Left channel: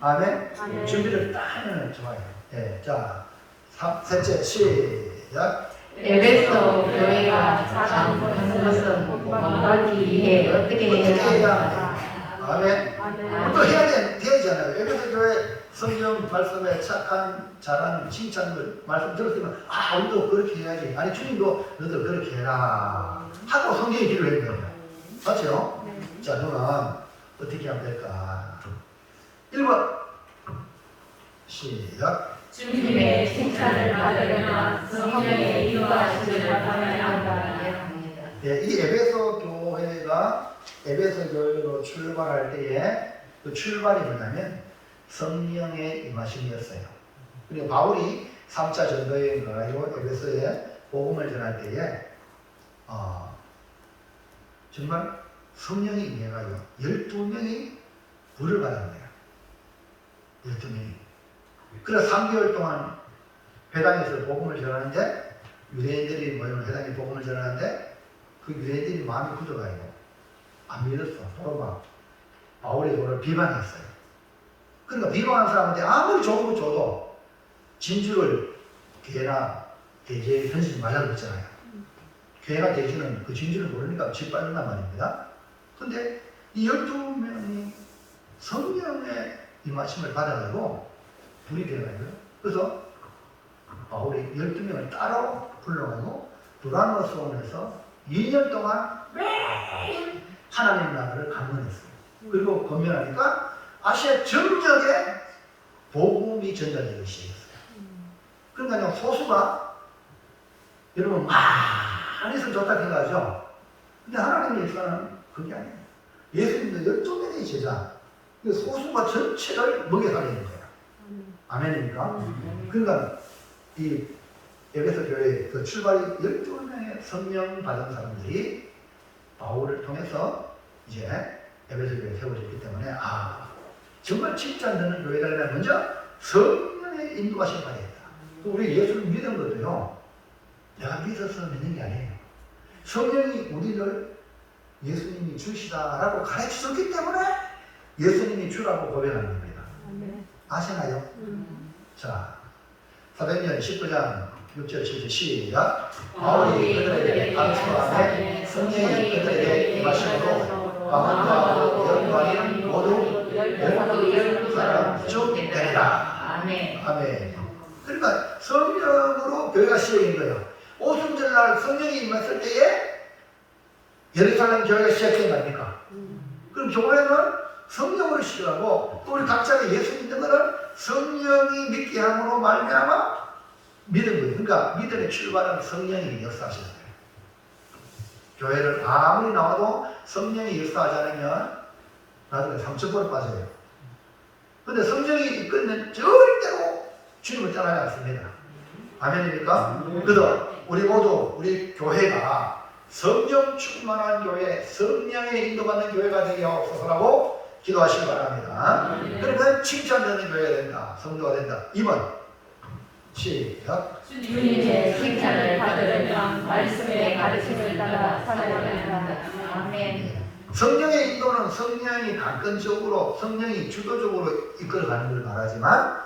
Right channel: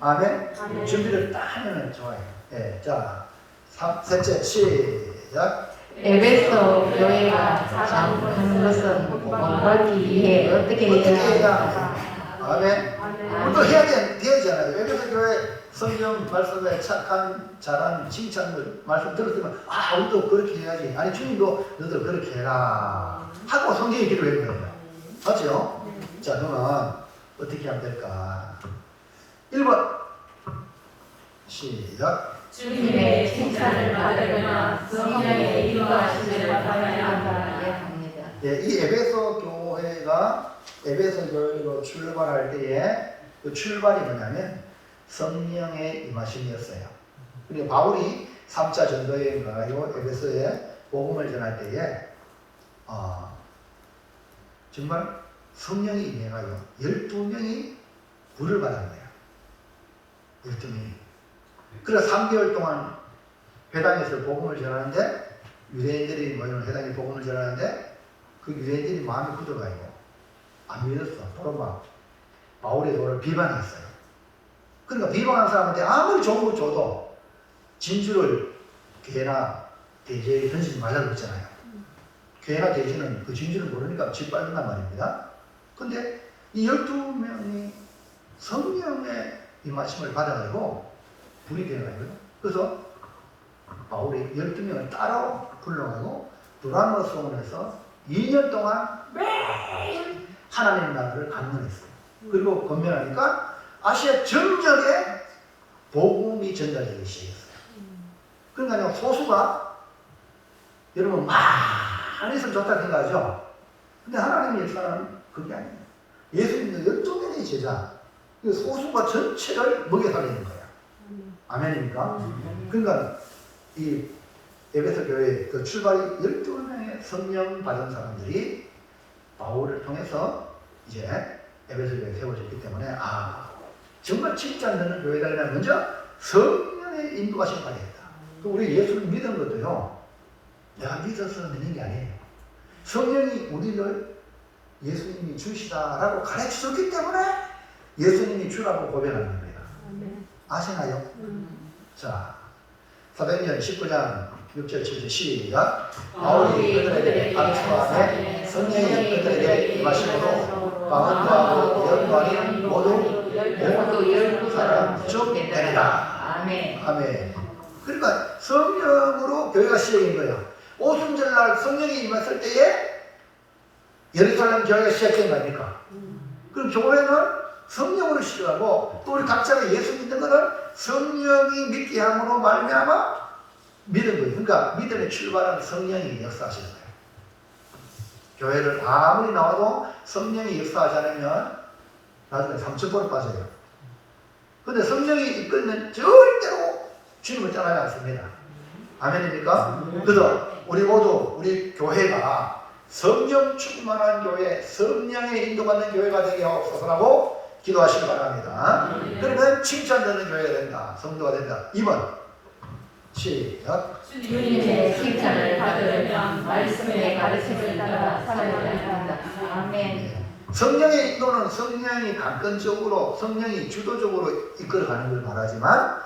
아멘. 아멘. 준비를 딱 하면 좋아요. 예, 자, 셋째 시작. 에베소 교회가 작은 것은 본받기 위해 어떻게 해야 하는가? 아멘. 또 해야 되잖아요. 에베소 교회 성경 말씀에 착한 잘한 칭찬들 말씀 들었으면 우리도 그렇게 해야지. 아니 주님도 너희들 그렇게 해라 하고 성경에 기록해 거예요. 맞죠? 자, 그러면 어떻게 하면 될까? 1번 시작. 주님의 칭찬을 받으려면 성령의 인도하심을 받아야 한다. 예, 이 에베소 교회가 에베소 교회로 출발할 때에 그 출발이 뭐냐면 성령의 임하심이었어요. 그리고 바울이 3차 전도여행 가가지고 에베소에 복음을 전할 때에 정말 성령이 임해가지고 12명이 불을 받은 거예요. 12명이. 그래서 3개월 동안 회당에서 복음을 전하는데 유대인들이 모이는 회당에 복음을 전하는데 그 유대인들이 마음이 굳어가지고 안 믿었어. 서로 막 바울이 서로 비방했어요. 그러니까 비방하는 사람한테 아무리 좋은 거 줘도 진주를 괴나 돼지에게 던지지 말라고 그랬잖아요. 괴나 돼지는 그 진주를 모르니까 짓밟는단 말입니다. 근데 이 12명이 성령의 임하심을 받아가지고 불이 되어가지고 그래서 바울이 12명을 따로 불러가지고 두라노 수원에서 2년 동안 매일 하나님 나라를 강론했어요. 그리고 건면하니까 아시아 전역에 복음이 전달되기 시작했어요. 그러니까 소수가 여러분 많이 있으면 좋다 생각하죠. 근데 하나님의 역사는 그게 아니에요. 예수님의 12명의 제자 소수가 전체를 먹여 살리는 거예요. 아멘입니까? 그러니까 이 에베소 교회 그 출발이 12명의 성령 받은 사람들이 바울을 통해서 이제 에베소 교회에 세워졌기 때문에 정말 칭찬되는 교회라면 먼저 성령의 인도하심을 받았다. 또 우리 예수를 믿은 것도요, 내가 믿어서 믿는 게 아니에요. 성령이 우리를 예수님이 주시다라고 가르쳐줬기 때문에 예수님이 주라고 고백하는 겁니다. 아시나요? 자, 사도행전 19장 6절 7절 시작. 바울이 그들에게 가르쳐가며 성령이 그들에게 임하심으로 강원도하고 영광이 모두 12사람 중 되리라. 아멘. 그러니까 성령으로 교회가 시작인 거예요. 오순절날 성령이 임했을 때에 예루살렘 교회가 시작된 거 아닙니까? 그럼 교회는 성령으로 시작하고 또 우리 각자가 예수 믿는 것은 성령이 믿게 함으로 말미암아 믿은 거예요. 그러니까 믿음의 출발은 성령이 역사하시는 거예요. 교회를 아무리 나와도 성령이 역사하지 않으면 나중에 상처보로 빠져요. 근데 성령이 이끌면 절대로 주님을 떠나지 않습니다. 아멘입니까? 그래서 우리 모두 우리 교회가 성령 충만한 교회, 성령의 인도받는 교회가 되게 하옵소서라고 기도하시기 바랍니다. 그러면 칭찬되는 교회가 된다. 성도가 된다. 2번 시작. 주님의 칭찬을 받으려면 말씀의 가르침을 따라 살아갑니다. 아멘. 성령의 인도는 성령이 강권적으로 성령이 주도적으로 이끌어가는 걸 말하지만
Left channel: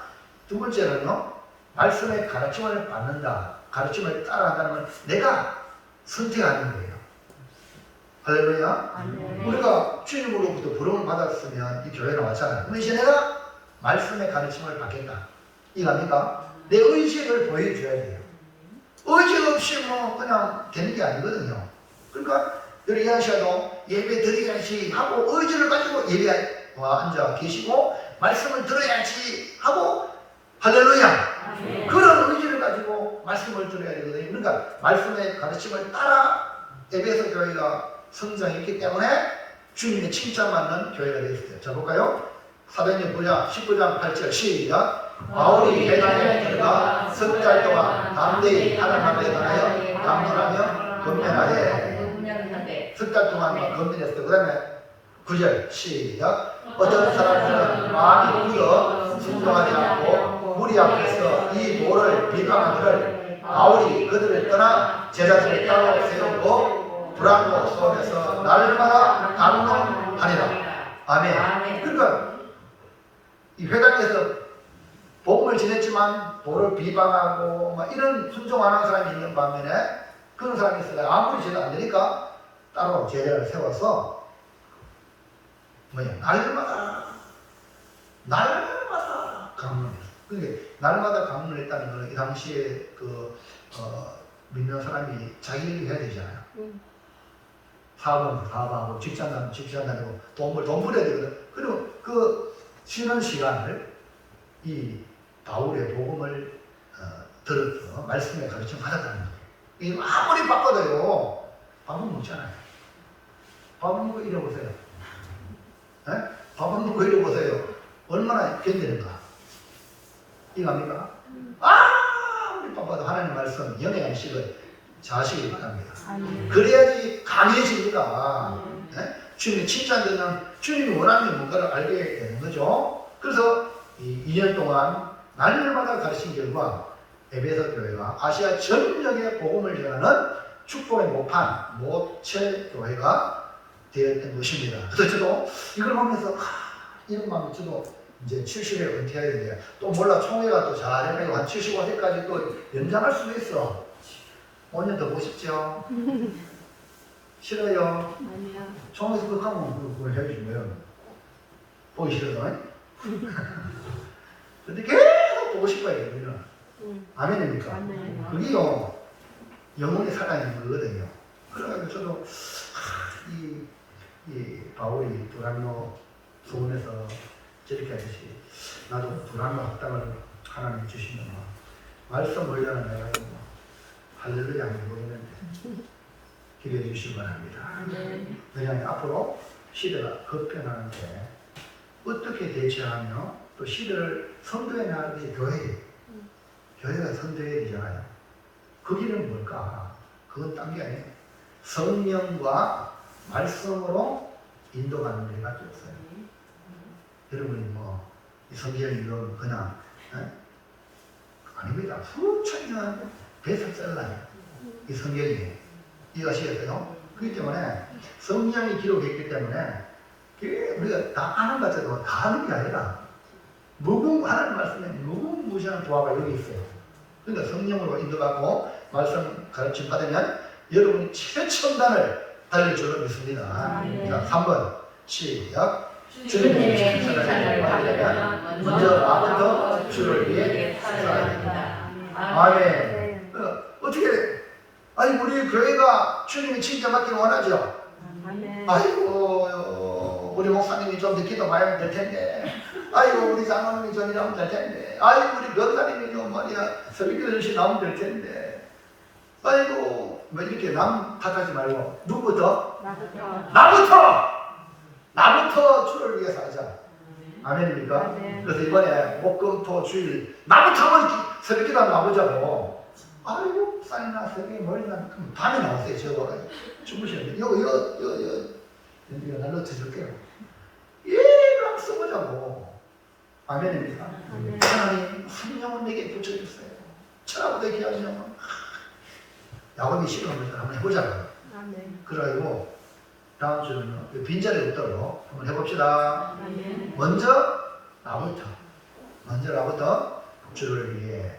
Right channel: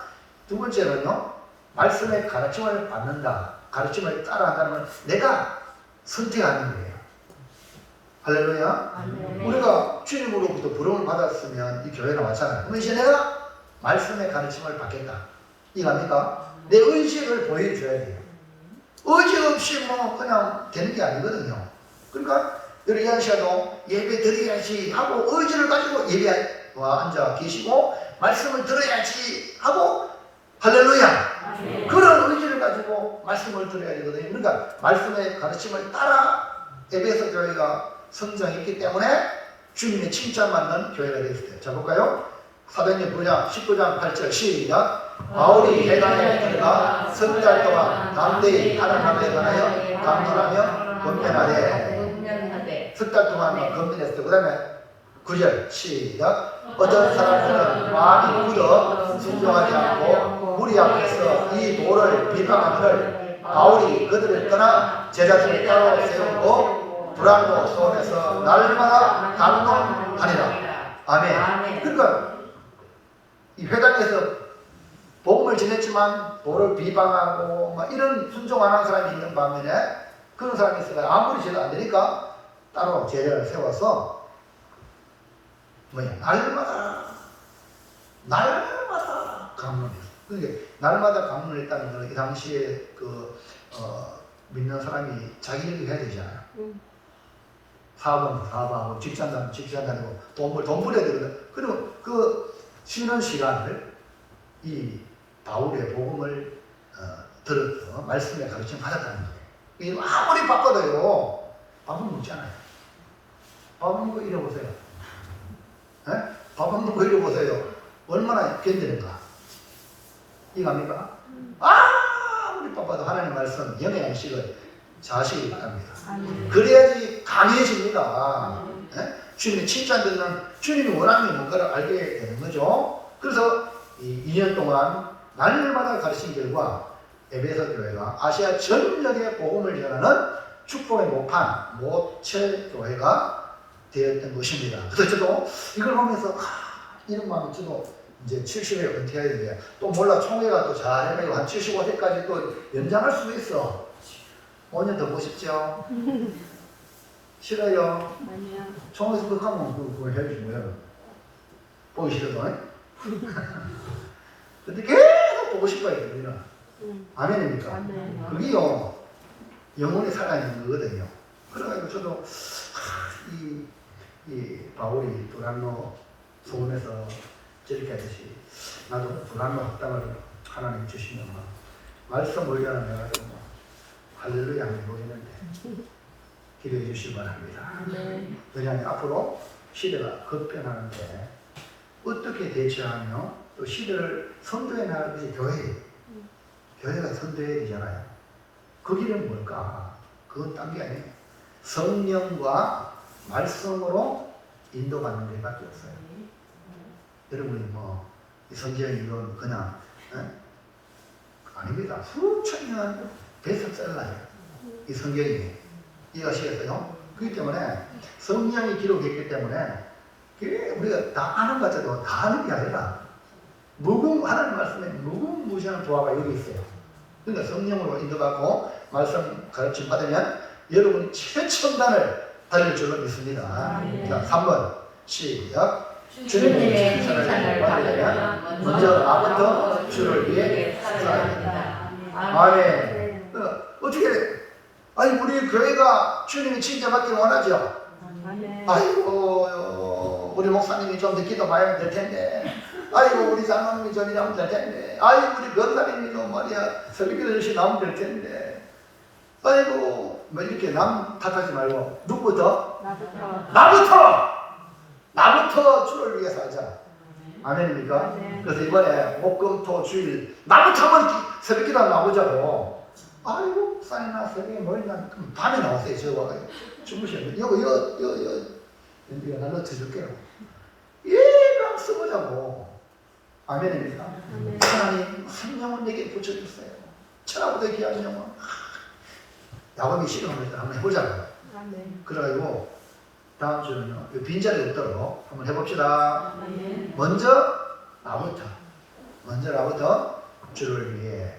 두 번째는요, 말씀의 가르침을 받는다. 가르침을 따라간다는 건 내가 선택하는 거예요. 할렐루야. 아멘. 우리가 주님으로부터 부름을 받았으면 이 교회나 마찬가지. 그럼 이제 내가 말씀의 가르침을 받겠다. 이해합니까? 내 의지를 보여줘야 돼요. 의지 없이 뭐 그냥 되는 게 아니거든요. 그러니까 여기 하셔도 예배 드려야지 하고 의지를 가지고 예배에 앉아 계시고 말씀을 들어야지 하고 할렐루야. 그런 의지를 가지고 말씀을 들어야 되거든요. 그러니까 말씀의 가르침을 따라 에베소 교회가 성장했기 때문에 주님의 칭찬받는 교회가 되었어요. 자, 볼까요? 사도행전 9장 19장 8절 시작. 바울이 회당에 들어가 석 달 동안 담대히 하나님 나라에 관하여 강론하며 권면하되 석 달 동안 권면했어요. 그 다음에 9절 시작. 어떤 사람들은 마음이 굳어 순종하지 않고 무리 앞에서 이 모를 비방하기를 바울이 그들을 떠나 제자들을 따로 세우고 두란노 수원에서 날마다 강론하니라. 아멘. 그러니까 이 회당에서 복음을 전했지만 도를 비방하고 막 이런 순종 안 하는 사람이 있는 반면에 그런 사람이 있어요. 아무리 제도 안 되니까 따로 제자를 세워서 날마다 강론했어요. 그러니까 날마다 강론을 했다는 것은 이 당시에 믿는 사람이 자기 일을 해야 되잖아요. 사업은 사업하고 직장 다니고 돈 벌어야 되거든. 그리고 그 쉬는 시간을 이 바울의 복음을 들어서 말씀의 가르침 받았다는 거예요. 아무리 바빠도요, 밥은 먹잖아요. 밥 먹는 거 잃어보세요. 밥 먹는 거 잃어보세요. 얼마나 견디는가. 이거 압니까? 아무리 바빠도 하나님 말씀, 영의 양식을 자식이 바랍니다. 그래야지 강해집니다. 주님이 칭찬되는 주님이 원하는 뭔가를 알게 되는 거죠. 그래서 이 2년 동안 날마다 가르친 결과 에베소 교회가 아시아 전역에 복음을 전하는 축복의 모판, 모체 교회가 되었던 것입니다. 그래서 저도 이걸 보면서 이런 마음이 저도 이제 70에 은퇴해야 되는데 또 몰라 총회가 또 잘해가지고 한 75세까지 또 연장할 수도 있어. 5년 더 보십시오. 싫어요. 아니야. 총회에서 그거 하면 그거 해주신 거예요. 보기 싫어서. 근데 계속 보고 싶어요, 우리는. 아멘입니까? 아멘. 그게요, 영혼이 살아있는 거거든요. 그래가지고 저도, 이 바울이 두란노 소원에서 저렇게 하듯이, 나도 두란노 합당을 하나님 주시면, 말씀 올려는 내가 할렐루야 한번 보이는데, 기도해 주시기 바랍니다. 왜냐하면 앞으로 시대가 급변하는데, 어떻게 대처하며, 또 시대를 선도해 나가는 것이 교회예요. 교회가 선도해야 되잖아요. 그 길은 뭘까? 그건 딴 게 아니에요. 성령과 말씀으로 인도받는 것밖에 없어요. 여러분이 이 성경이 이건 그냥 아닙니다. 수천 년 베스트셀러예요. 이 성경이. 이해하시겠어요? 그렇기 때문에 성령이 기록했기 때문에 우리가 다 아는 것 같아도 다 아는 게 아니라 하나님 말씀에 무궁무진한 조화가 여기 있어요. 그러니까 성령으로 인도받고 말씀 가르침 받으면 여러분이 최첨단을 달릴 줄로 믿습니다. 자, 3번 시작. 주님의 칭찬을 받으려면 먼저 나부터 주를 위해 살아야 된다. 아멘. 어떻게 우리 교회가 주님이 칭찬받기를 원하죠? 아이고 우리 목사님이 좀 더 기도 많이 하면 될 텐데, 아이고 우리 장로님이 좀 일하면 될 텐데, 아이고 우리 변사님이 좀 말이야 설교를 열심히 나오면 될 텐데, 아이고 이렇게 남 탓하지 말고 누구부터? 나부터 주를 위해서 하자. 아멘입니까? 그래서 이번에 목금토 주일 나부터 한번 새벽기도 한번 나오자고. 아이고 사이나 새벽에 모이나 밤에 나왔어요. 저와 주무시는데 이거 날로 쳐줄게요. 얘랑 써보자고. 아멘입니까? 하나님 성령을 내게 붙여주세요. 천하보다 귀한 영혼. 야곱이 시간을 한번 해보자고요. 그래가지고 다음 주는요, 빈자리 없도록 한번 해봅시다. 먼저 나부터 주를 위해.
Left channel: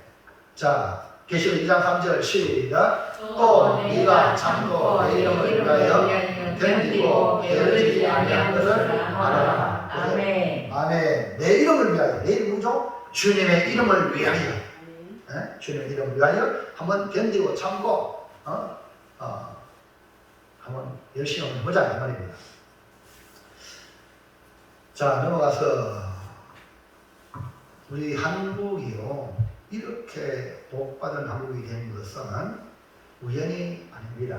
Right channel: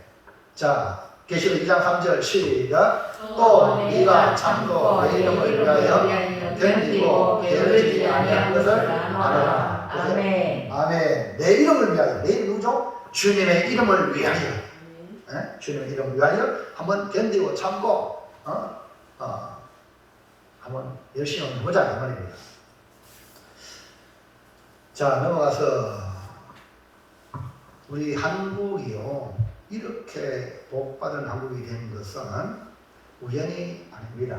자, 계시록 2장 3절 시작. 또 네가 참고 내 이름을 위하여 견디고 게으르지 아니한 것을 알아라. 아멘. 내 이름을 위하여. 내 이름 누구죠? 주님의 이름을 위하여. 주님의 이름을 위하여 한번 견디고 참고 한번 열심히 한번 보자 이 말입니다. 자, 넘어가서 우리 한국이요, 이렇게 복받은 한국이 된 것은 우연이 아닙니다.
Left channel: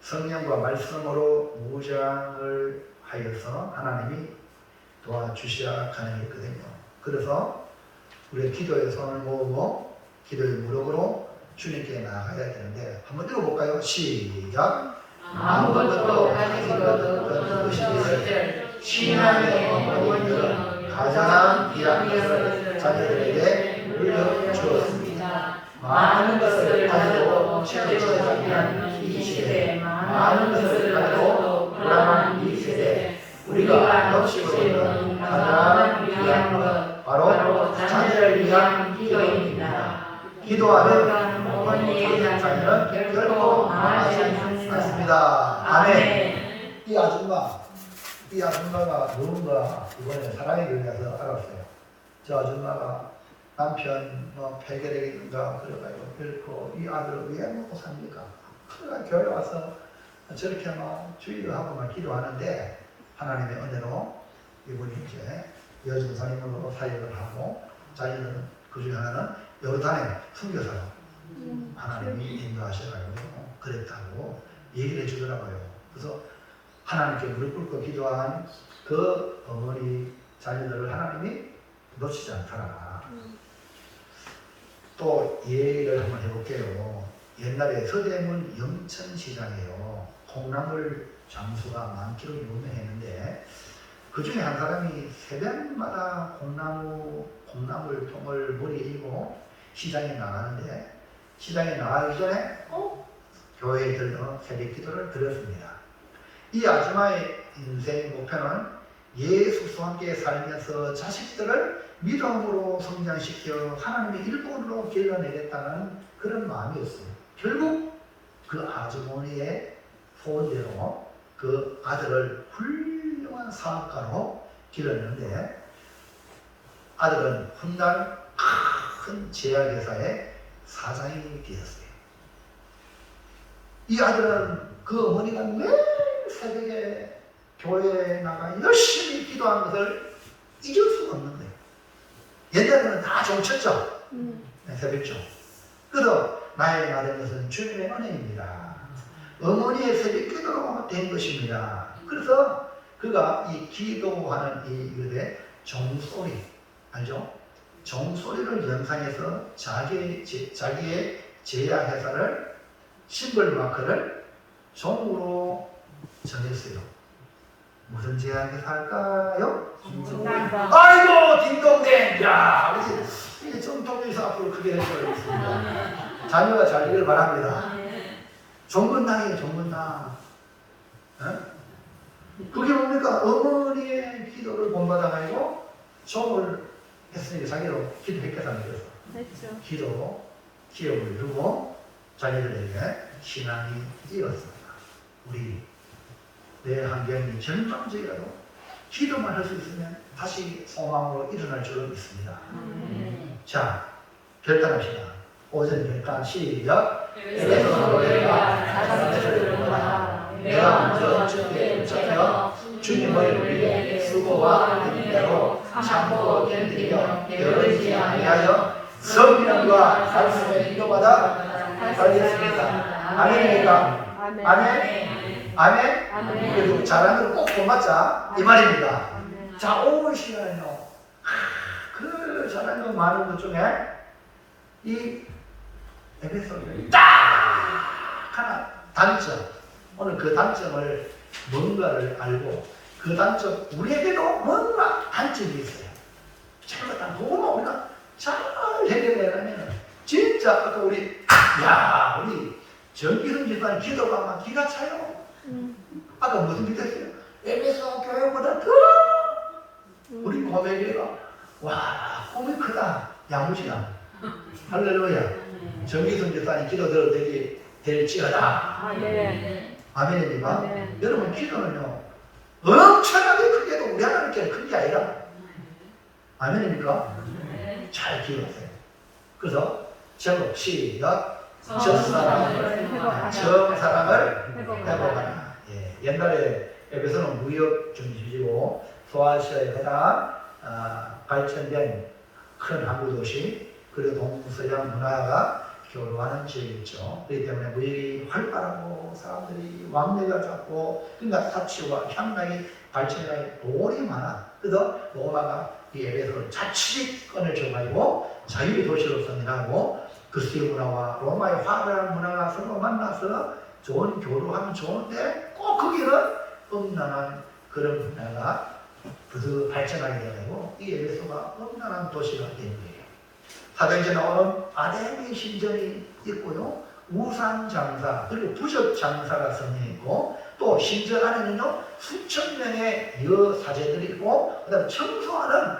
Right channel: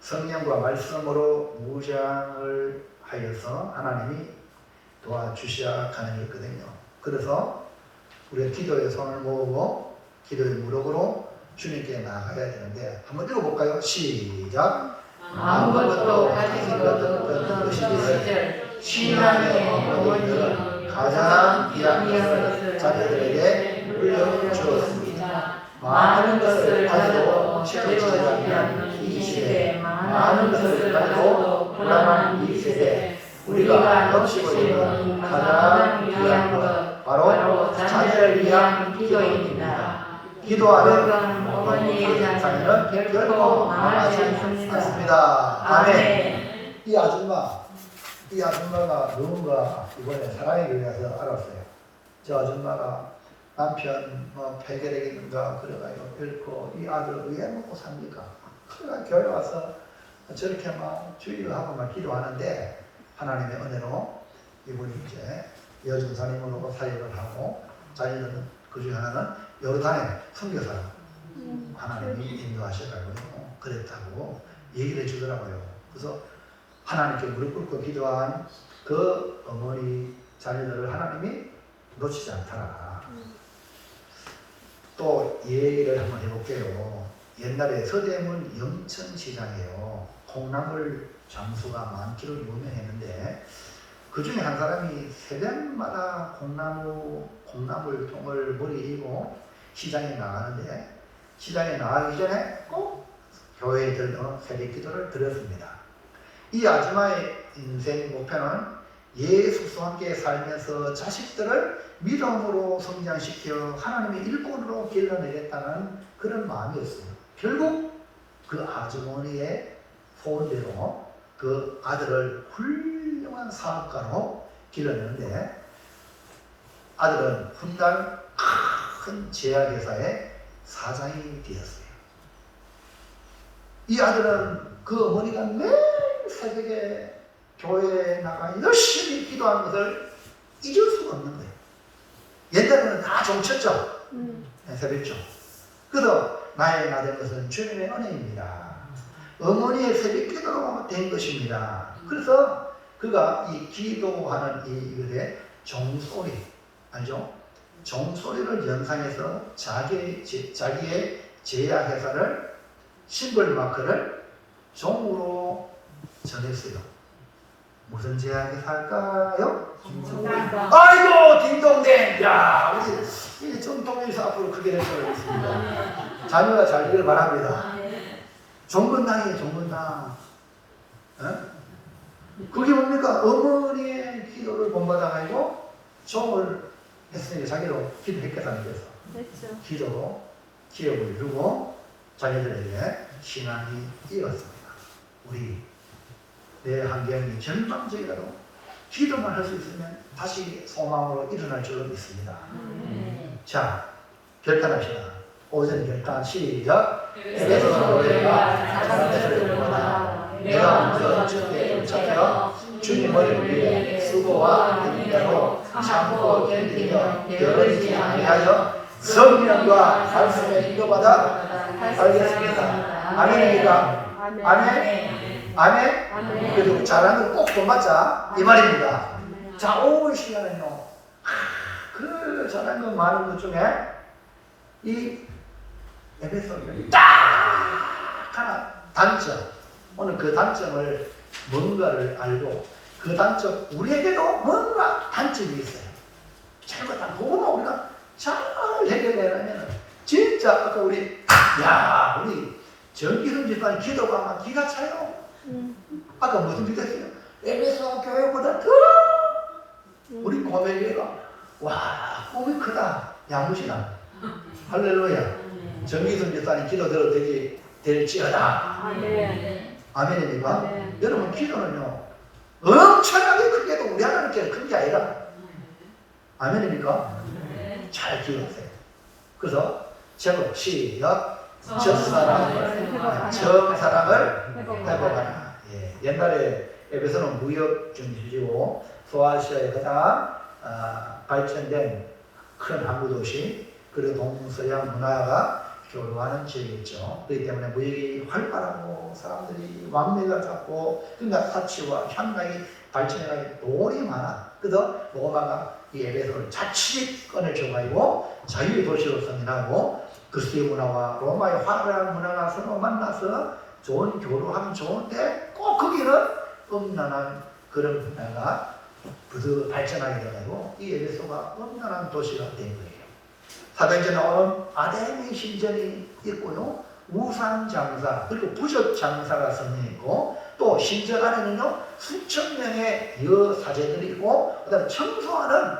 성령과 말씀으로 무장을 하여서 하나님이 도와주셔야 가능했거든요. 그래서 우리가 기도의 손을 모으고 기도의 무릎으로 주님께 나아가야 되는데, 한번 읽어볼까요? 시작. 아무것도 가진 것 없는 것이 있을 신앙의 어머니는 가장 귀한 것을 자녀들에게 물려주었습니다. 많은 것을 가져도 채워지지 않는 이 시대, 많은 것을 가져도 불안한 이 세대, 우리가 놓치고 있는 가장 귀한 것 기도하는 어머니의 자녀는 결코 망하지 않습니다. 아멘. 이 아줌마가 누군가 이번에 사랑의 교회에서 알았어요. 저 아줌마가 남편 폐결핵인가 그래가지고 결코 이 아들을 왜 먹고 삽니까? 그러니까 교회 와서 저렇게 막 주의를 하고 막 기도하는데 하나님의 은혜로 이분이 이제 여중사님으로 사역을 하고 자기는 그중에 하나는 요르단의 선교사로 하나님이 인도하셔가지고 그랬다고 얘기를 해주더라고요. 그래서 하나님께 무릎 꿇고 기도한 그 어머니 자녀들을 하나님이 놓치지 않더라. 또 얘기를 한번 해볼게요. 옛날에 서대문 영천시장에요. 콩나물 장수가 많기로 유명했는데 그 중에 한 사람이 새벽마다 콩나물 통을 머리에 이고 시장에 나가는데 시장에 나가기 전에 꼭 교회에 들러 새벽 기도를 드렸습니다. 이 아줌마의 인생 목표는 예수와 함께 살면서 자식들을 믿음으로 성장시켜 하나님의 일꾼으로 길러내겠다는 그런 마음이었어요. 결국 그 아주머니의 소원대로 그 아들을 훌륭한 사업가로 길렀는데 아들은 훗날 큰 제약회사의 사장이 되었어요. 이 아들은 그 어머니가 매일 새벽에 교회에 나가 열심히 기도하는 것을 잊을 수가 없는 거예요. 옛날에는 다 종쳤죠. 새벽죠. 그래서 나의 나된 것은 주님의 은혜입니다. 어머니의 새벽 기도로 된 것입니다. 그래서 그가 이 기도하는 이 일에 종소리 알죠? 종소리를 연상해서 자기의 제약회사를 심벌마크를 종으로 정했어요. 무슨 제약회사일까요? 아이고 딩동댕! 야 우리 이 정통에서 앞으로 크게 해주겠습니다. 자녀가 잘 되길 바랍니다. 종근당이에요. 종근당. 그게 뭡니까? 어머니의 기도를 본받아가지고 종을 했으니까 자기도 기도했겠다는 거죠. 기도로 기업을 이루고 자녀들에게 신앙이 이었습니다. 우리 내 환경이 절망적이라도 기도만 할 수 있으면 다시 소망으로 일어날 줄로 믿습니다. 자, 결단합시다. 오전 결단 시작. 내가 먼저 주께 잡혀 주님을 위해 수고와 힘대로 참고 견디며 게으르지 아니하여 성령과 말씀에 인도받아 살겠습니다. 아멘입니까? 아멘? 아멘? 그래도 잘하는 꼭 도맞자 이 말입니다. 자, 오늘 시간은요 그 잘하는 많은 것 중에 이 에베소서의 딱 하나 단점, 오늘 그 단점을 뭔가를 알고 그 단점 우리에게도 뭔가 단점이 있어요. 잘못한 그거만 우리가 잘 해결하면 진짜 아까 우리 정기훈 집안 기도가 막 기가 차요. 아까 무슨 기도했어요? 에베소 교회보다 더 우리 고백이가 와 꿈이 크다 야무지나 할렐루야. 정기훈 집안이 기도 들어도 될지어다. 아멘입니까? 아멘. 여러분 기도는요 엄청나게 크게도 우리 하나님께 큰 게 아니라 아멘입니까? 잘 기억하세요. 그래서 제목 시작. 정사랑을 회복하라. 예, 옛날에 에베소는 무역 중심지고 소아시아에 가장 발전된 큰 항구 도시 그리고 동서양 문화가 교류하는 지역이었죠. 그렇기 때문에 무역이 활발하고 사람들이 왕래가 잡고 그러니까 사치와 향락이 발전해가지고 돈이 많아. 그래서 로마가 이 에베소를 자치권을 줘가지고 자유의 도시로 선진하고 그리스의 문화와 로마의 화려한 문화가 서로 만나서 좋은 교류하면 좋은데 꼭 거기는 음란한 그런 문화가 발전하게 되고 이 에베소가 음란한 도시가 된 거예요. 사도행전에 나오는 아담의 신전이 있고요. 우상장사 그리고 부적장사가 성행했고 또 신전 안에는요 수천 명의 여사제들이 있고 그다음 청소하는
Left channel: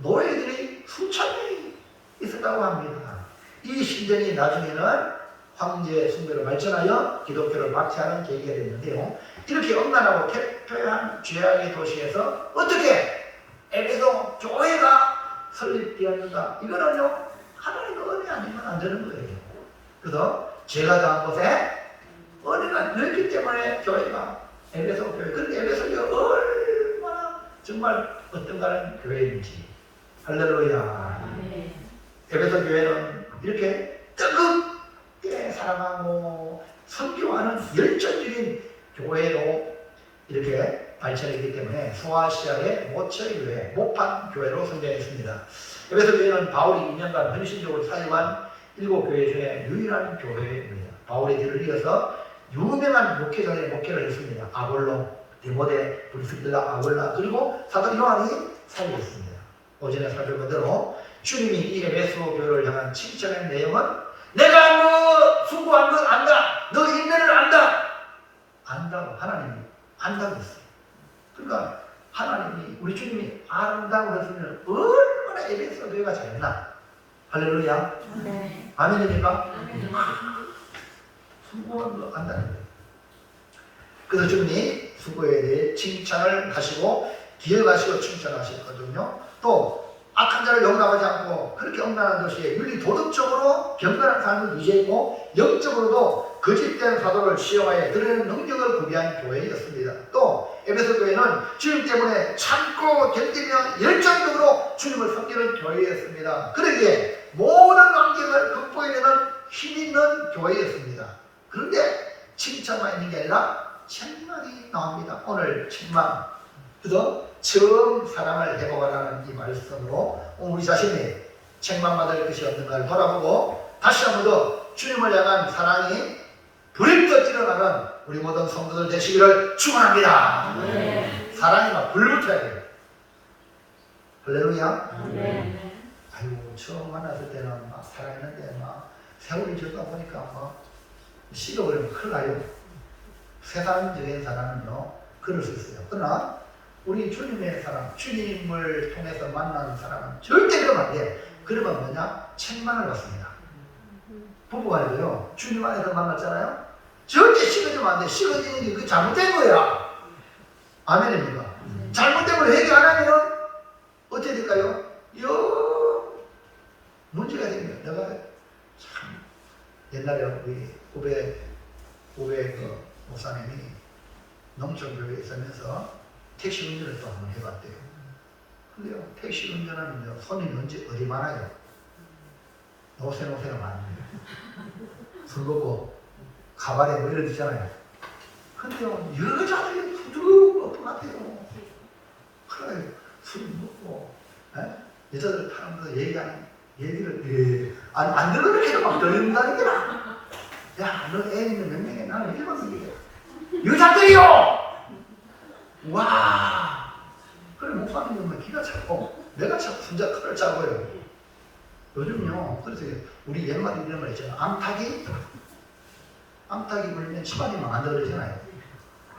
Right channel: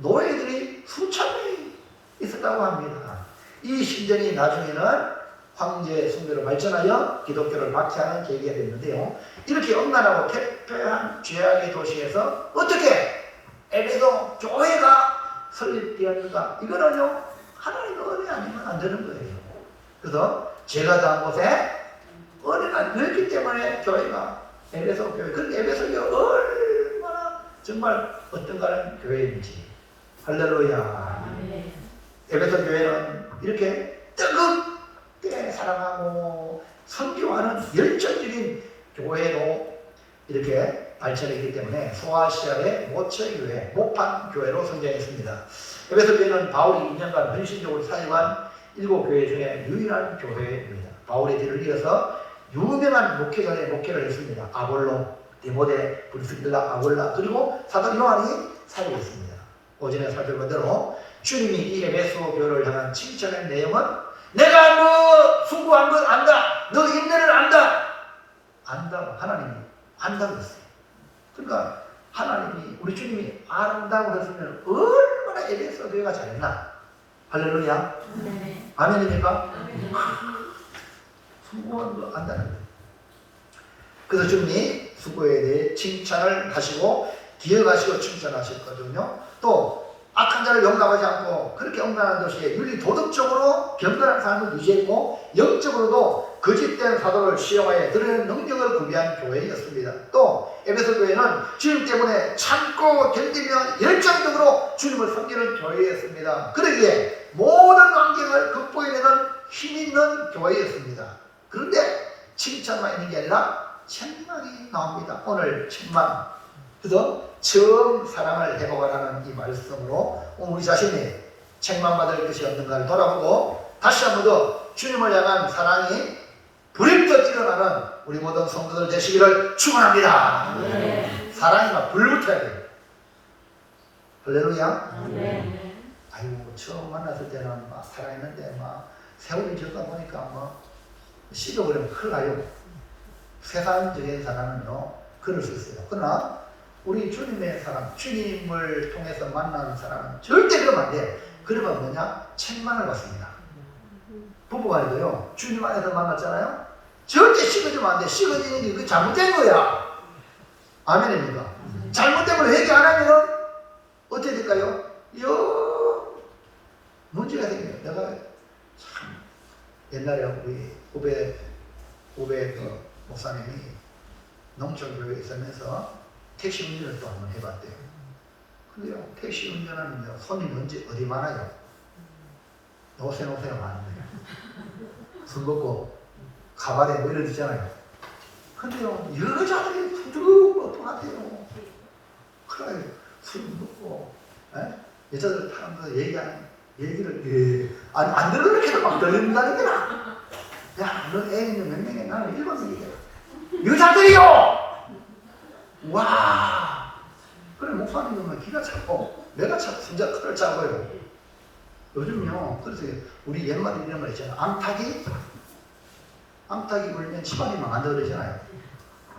노예들이 수천 명이 있었다고 합니다. 이 심정이 나중에는 황제 숭배로 발전하여 기독교를 박해하는 계기가 됐는데요. 이렇게 엄난하고 폐폐한 죄악의 도시에서 어떻게 에베소 교회가 설립되었는가? 이거는요, 하나님의 은혜 아니면 안 되는 거예요. 그래서 제가 당한 곳에 은혜가 넓기 때문에 교회가 에베소 교회, 근데 에베소 교회 얼마나 정말 어떤가는 교회인지. 할렐루야. 에베소 교회는 이렇게 뜨겁게 사랑하고 선교하는 열정적인 교회로 이렇게 발전했기 때문에 소아시아의 모처의 교회, 모판 교회로 성장했습니다. 에베소 교회는 바울이 2년간 헌신적으로 사역한 7교회 중에 유일한 교회입니다. 바울의 뒤를 이어서 유명한 목회자의 목회를 했습니다. 아볼로, 디모데, 브리스길라, 아볼라, 그리고 사도 요한이 사역했습니다. 오전에 살펴본 대로 주님이 이 에베소 교회를 향한 칭찬의 내용은 내가 너 수고한 걸 안다. 너 인내를 안다. 안다고 하나님이 안다고 했어요. 그러니까 하나님이 우리 주님이 안다고 했으면 얼마나 에베소 교회가 잘했나. 할렐루야. 네. 아멘입니까? 수고한 거 안다는 거예요. 그래서 주님이 수고에 대해 칭찬을 하시고 기억하시고 칭찬하셨거든요. 또 악한 자를 용납하지 않고 그렇게 엄난한 도시에 윤리 도덕적으로 경건한 삶을 유지했고 영적으로도 거짓된 사도를 시험하여 드러내는 능력을 구비한 교회였습니다. 또 에베소 교회는 주님 때문에 참고 견디며 열정적으로 주님을 섬기는 교회였습니다. 그러기에 모든 환경을 극복해내는 힘 있는 교회였습니다. 그런데 칭찬만 있는 게 아니라 책망이 나옵니다. 오늘 책망. 그래서 처음 사랑을 해보라는 이 말씀으로 우리 자신이 책망받을 것이 없는가를 돌아보고 다시 한 번 더 주님을 향한 사랑이 불임껏 일어나는 우리 모든 성도들 되시기를 축원합니다. 네. 사랑이 막 불붙어야 돼요. 할렐루야. 네. 아유, 처음 만났을 때는 막 사랑했는데 막 세월이 지나다 보니까 막 식어버리면 큰일 나요. 세상적인 사랑은요 그럴 수 있어요. 그러나 우리 주님의 사랑, 주님을 통해서 만나는 사랑은 절대 그러면 안 돼요. 그러면 뭐냐? 책망을 받습니다. 부부간에도요, 주님 안에서 만났잖아요? 절대 식어지면 안 돼. 식어지는 게 그 잘못된 거야. 아멘입니까? 잘못된 걸 회개 안 하면은 어떻게 될까요? 문제가 생겨요. 내가 참 옛날에 우리 후배 그 목사님이 농촌교회에 있으면서 택시 운전을 또 한번 해봤대요. 근데요, 택시 운전하면요, 손님이 언제 어디 많아요? 노세노세가 많은 거예요. 술 먹고 가발에 뭐 이런 있잖아요. 근데요, 여자들이 부드러운 것 같아요. 그래, 술 먹고, 여자들 타면서 얘기를, 안 들으니까 막 들린다니까. 야, 너 애 있는 몇 명이야? 나는 1번이야. 여자들이요! 와! 그래, 목사님은 기가 차고, 내가 차고, 진짜 칼을 짜고요. 요즘요, 그래서 우리 옛말에 이런 말 있잖아요. 암탉이 불면 집안이 망한다 그러잖아요.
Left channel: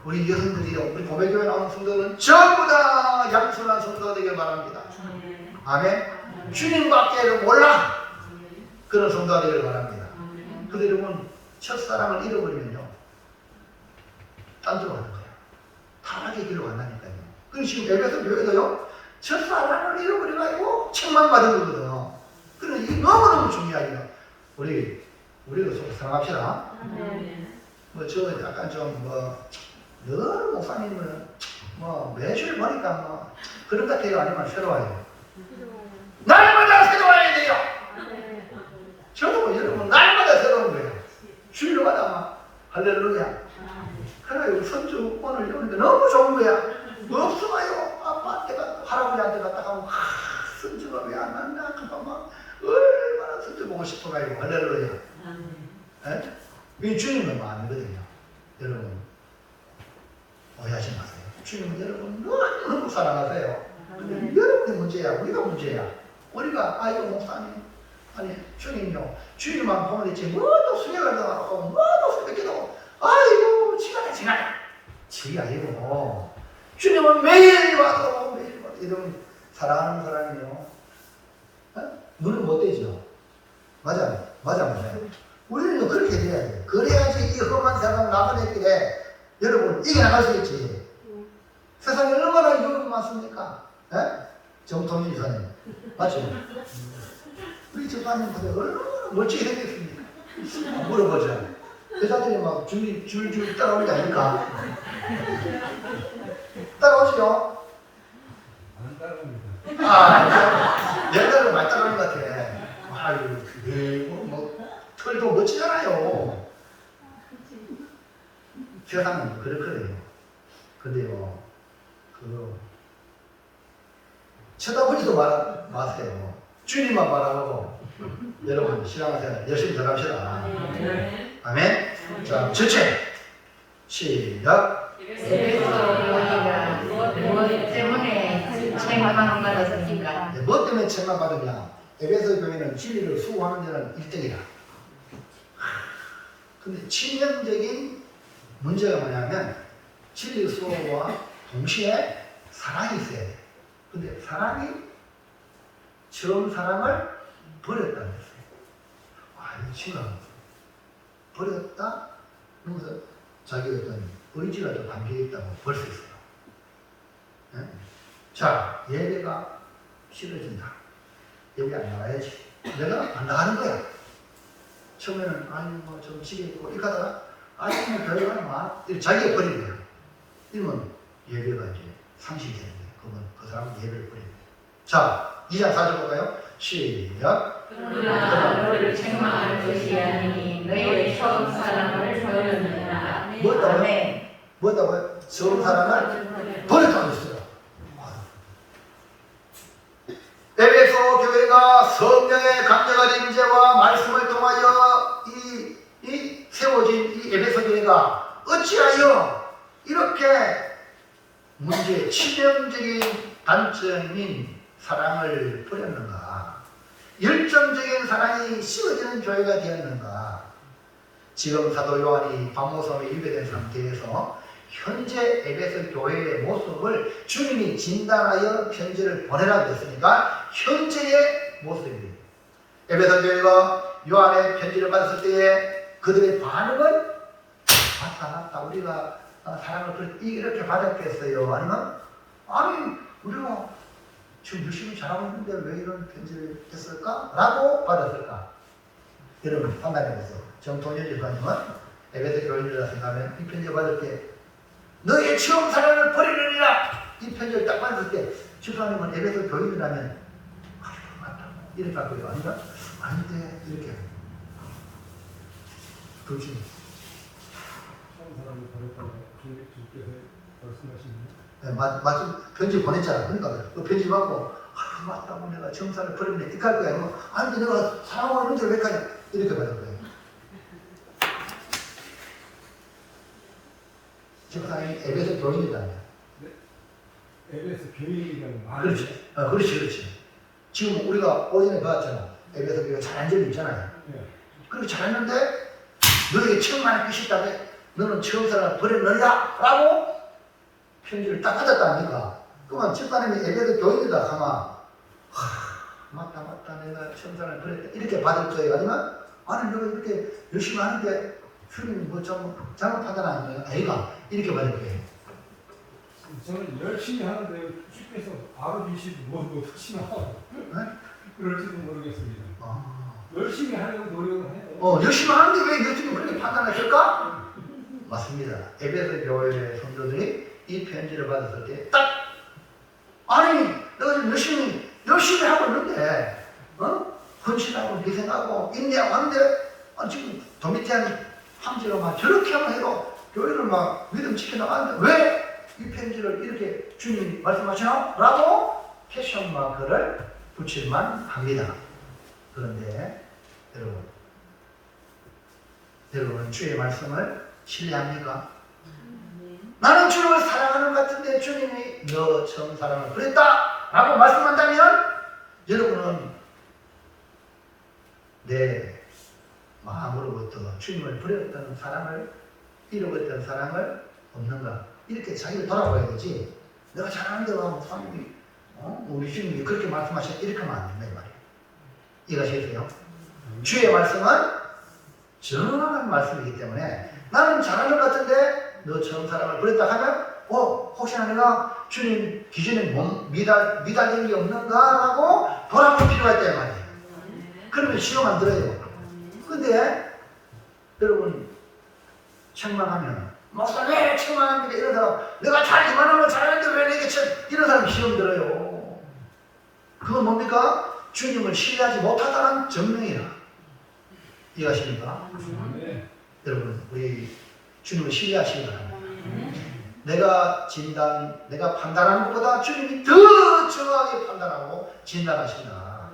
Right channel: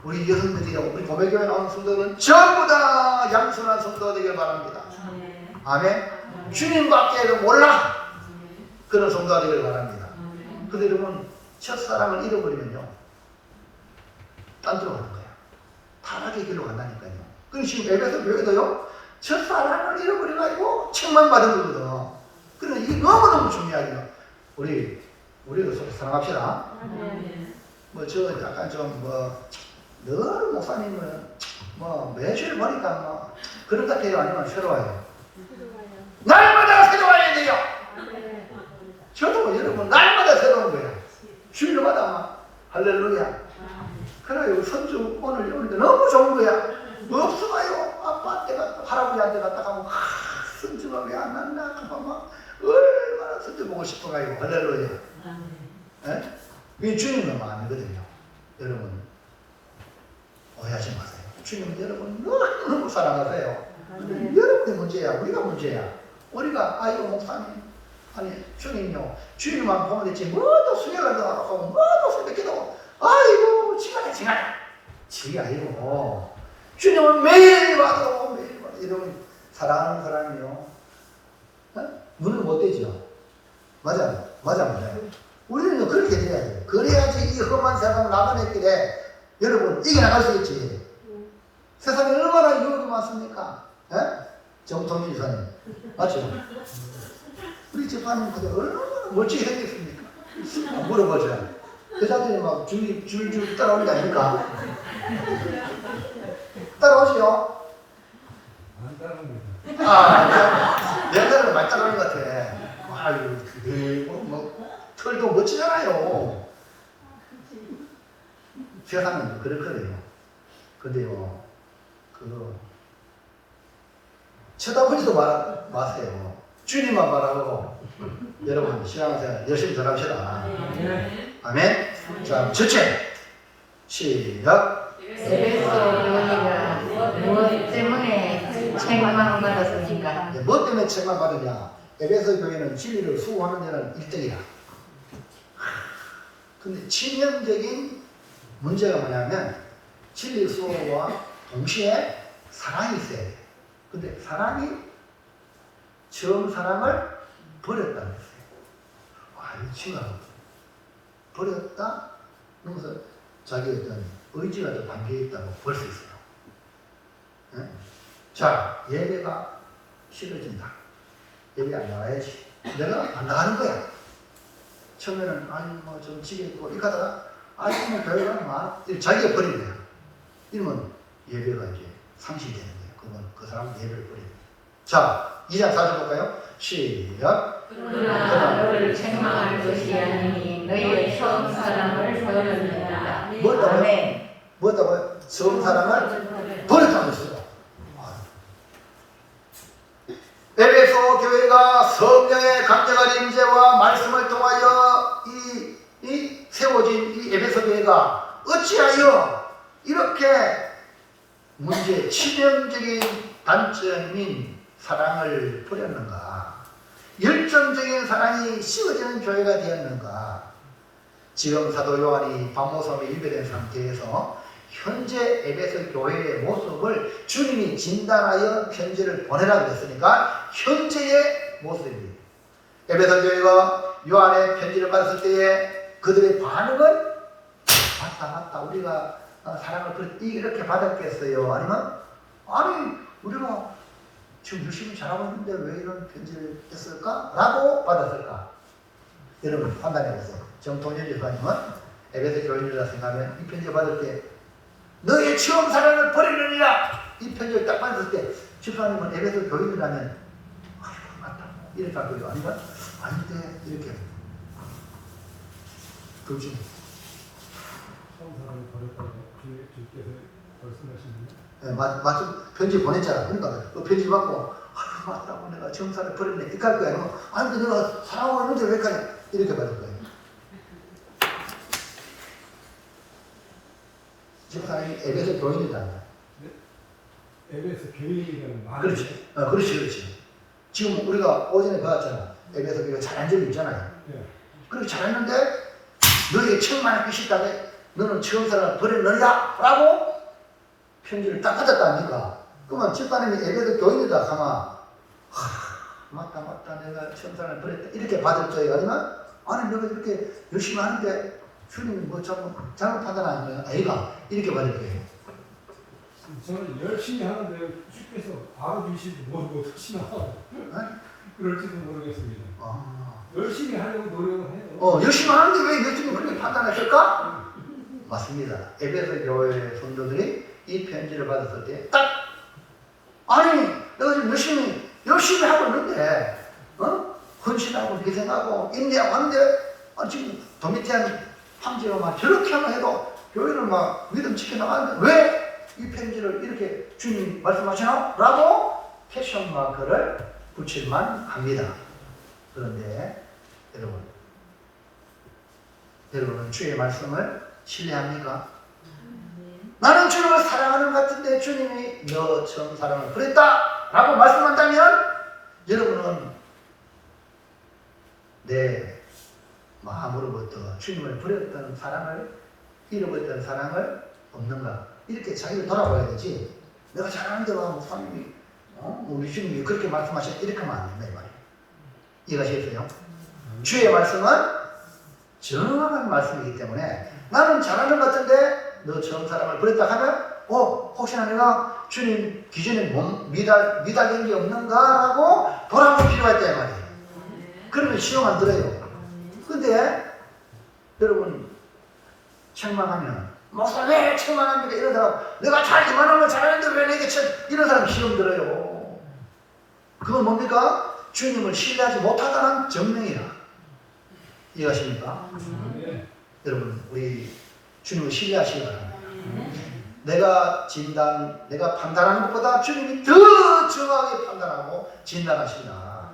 우리 여성들이요, 우리 고백교회 나오는 성도들은 전부 다 양순한 성도가 되길 바랍니다. 아멘? 주님밖에 몰라! 그런 성도가 되길 바랍니다. 근데 여러분, 첫사랑을 잃어버리면요, 딴 데로 가는 거예요. 타락의 길로 간다니까요. 그리고 지금 에베소 교회도요, 첫사랑을 잃어버려가지고 책망받은 거거든. 그래서 이게 너무너무 중요해요. 우리도 좀 사랑합시다. 저 약간 좀 늘 목사님을 매주일 보니까 그런 것 같아요. 아니면 새로워요? 날마다 새로워야 돼요. 저도 여러분 날마다 새로운 거예요. 주일마다 막 할렐루야. 그래, 우리 선주 오늘 오는데 너무 좋은 거야. 없어요. 아빠한테가 할아버지한테 갔다 가고 선주가 왜 안 만나? 막 얼마나 선주 보고 싶어가지고 할렐루야. 이 주님은 아니거든요. 여러분 오해하지 마세요. 주님은 여러분 너무 사랑하세요. 여러분이 문제야. 우리가 문제야. 우리가 아이고 목사님 아니 주님요. 주님만 보면 되지 뭐도 수혜가 나가고 뭐도 새벽기도 아이고 지가 지 아니고 주님은 매일 봐도 여러분 사랑하는 사람이요. 눈은 못 떼죠. 맞아. 우리는 그렇게 돼야 돼. 그래야지 이 험한 세상 나만의 길에 여러분 이겨나갈 수 있지. 세상에 얼마나 유혹이 많습니까? 예? 정통일 이사님. 맞죠? 우리 집사님 그때 얼마나 멋지게 생겼습니까? 물어보자. 여자들이 막 줄줄 따라오는 게 아닐까? 따라오시죠? 안 따릅니다. 옛날에는 많이 따라오는 것 같아. 아유, 뭐, 털도 멋지잖아요. 세상은 그렇거든요. 근데요, 쳐다보지도 마세요. 주님만 바라보고, 여러분, 신앙생활 열심히 들어갑시다. 아멘? 자, 첫째. 시작. 무엇 때문에 책망을 받았습니까? 뭐 때문에 책망 받느냐? 에베소 교회는 진리를 수호하는 데는 1등이다. 근데 치명적인 문제가 뭐냐면 진리 수호와 동시에 사랑이 있어야 돼. 근데 사랑이 처음 사랑을 버렸다는 거예요. 와, 이거 심각하다. 버렸다? 그러면서 자기의 어떤 의지가 좀 담겨있다고 볼 수 있어요. 네? 자, 예배가 싫어진다. 예배 안 나와야지. 내가 안 나가는 거야. 처음에는 뭐 좀 지겠고 이렇게 하다가 뭐 별거 많아. 자기가 버린 거야. 이러면 예배가 이제 상실되는 거야. 그건 그 사람은 예배를 버리는 거야. 자, 2장 4절 볼까요? 시작. 그러나 너를 책망할 것이 아니니 너희의 처음 사랑을 버렸느니라. 뭐였다고요? 처음 사랑을 버렸다고 했어요. 에베소 교회가 성령의 강력한 임재와 말씀을 통하여 이 세워진 이 에베소 교회가 어찌하여 이렇게 문제 치명적인 단점인 사랑을 버렸는가? 열정적인 사랑이 씌워지는 교회가 되었는가? 지금 사도 요한이 밤모섬에 일배된 상태에서 현재 에베소 교회의 모습을 주님이 진단하여 편지를 보내라고 했으니까 현재의 모습입니다. 에베소 교회가 요한의 편지를 받았을 때에 그들의 반응은 맞다 우리가 사랑을 이렇게 받았겠어요? 아니면 아니 우리가 지금 열심히 잘하고 있는데 왜 이런 편지를 했을까? 라고 받았을까? 여러분 판단해보세요. 정통일 집사님은 에베소 교인이라 생각하면 이 편지를 받을 때 너의 처음 사랑을 버리느니라 이 편지를 딱 받았을 때 집사님은 에베소 교인이라면 맞다 이렇게 할 거죠. 아니면 아닌데 이렇게 둘 중 처음 사람을 버렸다고 주께서 말씀하시는데 네, 마침 편지 보냈잖아. 그러니까 그 편지 받고 맞다고 내가 처음 사랑을 버렸네 이렇게 할 거야. 아니면 아닌데 내가 사랑하는데 왜 가냐 이렇게 받을 거야. 집사님이 에베소 교인이다. 에베소 교인이라는 말이 그렇지. 그렇지. 지금 우리가 오전에 봤잖아. 에베소 교회가 잘한 점이 있잖아요. 네. 그렇게 잘했는데 너에게 처음 만날 것이 있다고 너는 처음 사랑을 버렸느냐? 라고 편지를 딱 받았다니까. 그러면 집사님이 에베소 교인이다 하면 맞다 내가 처음 사랑을 버렸다 이렇게 받을 거예요. 아니면 아니 너가 이렇게 열심히 하는데 주님이 뭐 잘못 판단하는 아이가 이렇게 받을 거예요. 저는 열심히 하는데 주께서 알아주시지 모르고 혹시나 그럴지도 모르겠습니다. 열심히 하려고 노력을 해요. 열심히 하는데 왜 열심히 그렇게 판단했을까? 맞습니다. 에베소 교회 성도들이 이 편지를 받았을 때 딱 아니 내가 지금 열심히 하고 있는데 헌신하고 희생하고 인내하고 하는데 지금 도미티안 황제가 막 저렇게 하면 해도 교회를 막 믿음 지켜나가는데 왜 이 편지를 이렇게 주님이 말씀하시나? 라고 캐션 마크를 붙일만 합니다. 그런데 여러분은 주의 말씀을 신뢰합니까? 나는 주님을 사랑하는 것 같은데 주님이 너 처음 사랑을 버렸다 라고 말씀한다면 여러분은 내 마음으로부터 주님을 버렸던 사랑을 잃어버렸던 사랑을 없는가? 이렇게 자기를 돌아봐야 되지. 내가 잘하는데 와 목사님이 우리 주님이 그렇게 말씀하셨다 이렇게 하면 안 된다 이 말이에요. 이해가시겠어요? 주의 말씀은 정확한 말씀이기 때문에 나는 잘하는 것 같은데 너 처음 사랑을 버렸다 하면 혹시나 내가 주님 기준에 미달된 게 없는가 하고 돌아볼 필요가 있다 이 말이에요. 그러면 시험 안 들어요. 근데 여러분 책망하면 목사 왜 책망합니까? 이런 사람 내가 잘 이만하면 잘하는데 왜 내게 이런 사람 시험 들어요. 그건 뭡니까? 주님을 신뢰하지 못하다는 증명이야. 이해하십니까? 네. 여러분 우리 주님을 신뢰하시기 바랍니다. 내가 판단하는 것보다 주님이 더 정확하게 판단하고 진단하신다.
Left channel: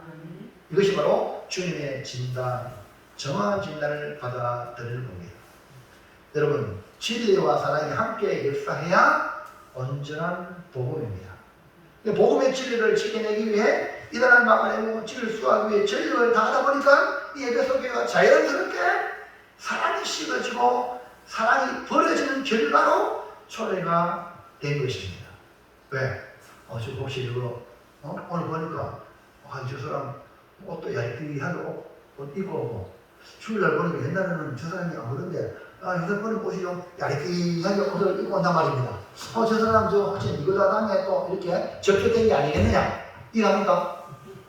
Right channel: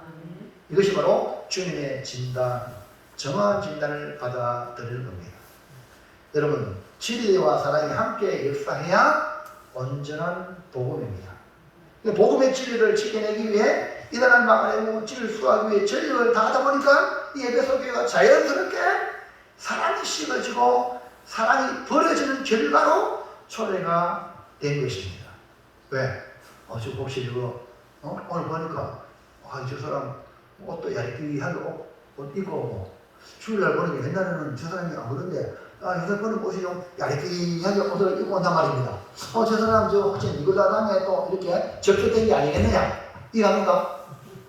이것이 바로 주님의 진단, 정확한 진단을 받아들이는 겁니다. 여러분 진리와 사랑이 함께 역사해야 온전한 복음입니다. 복음의 진리를 지켜내기 위해 이단을 막아내고 진리를 수호하기 위해 전력을 다하다 보니까 이 에베소 교회가 자연스럽게 사랑이 씹어지고 사랑이 버려지는 결과로 초래가 된 것입니다. 왜? 저 혹시 저거 오늘 보니까 저 사람 옷도 얇게 옷 입고 주일날 보니까 옛날에는 저 사람이 안 그런데 요새 보니까 옷이 좀 얇게 옷을 입고 온단 말입니다. 저 사람 저 혹시 이거다 다음에 또 이렇게 접촉된 게 아니겠느냐 이해합니까?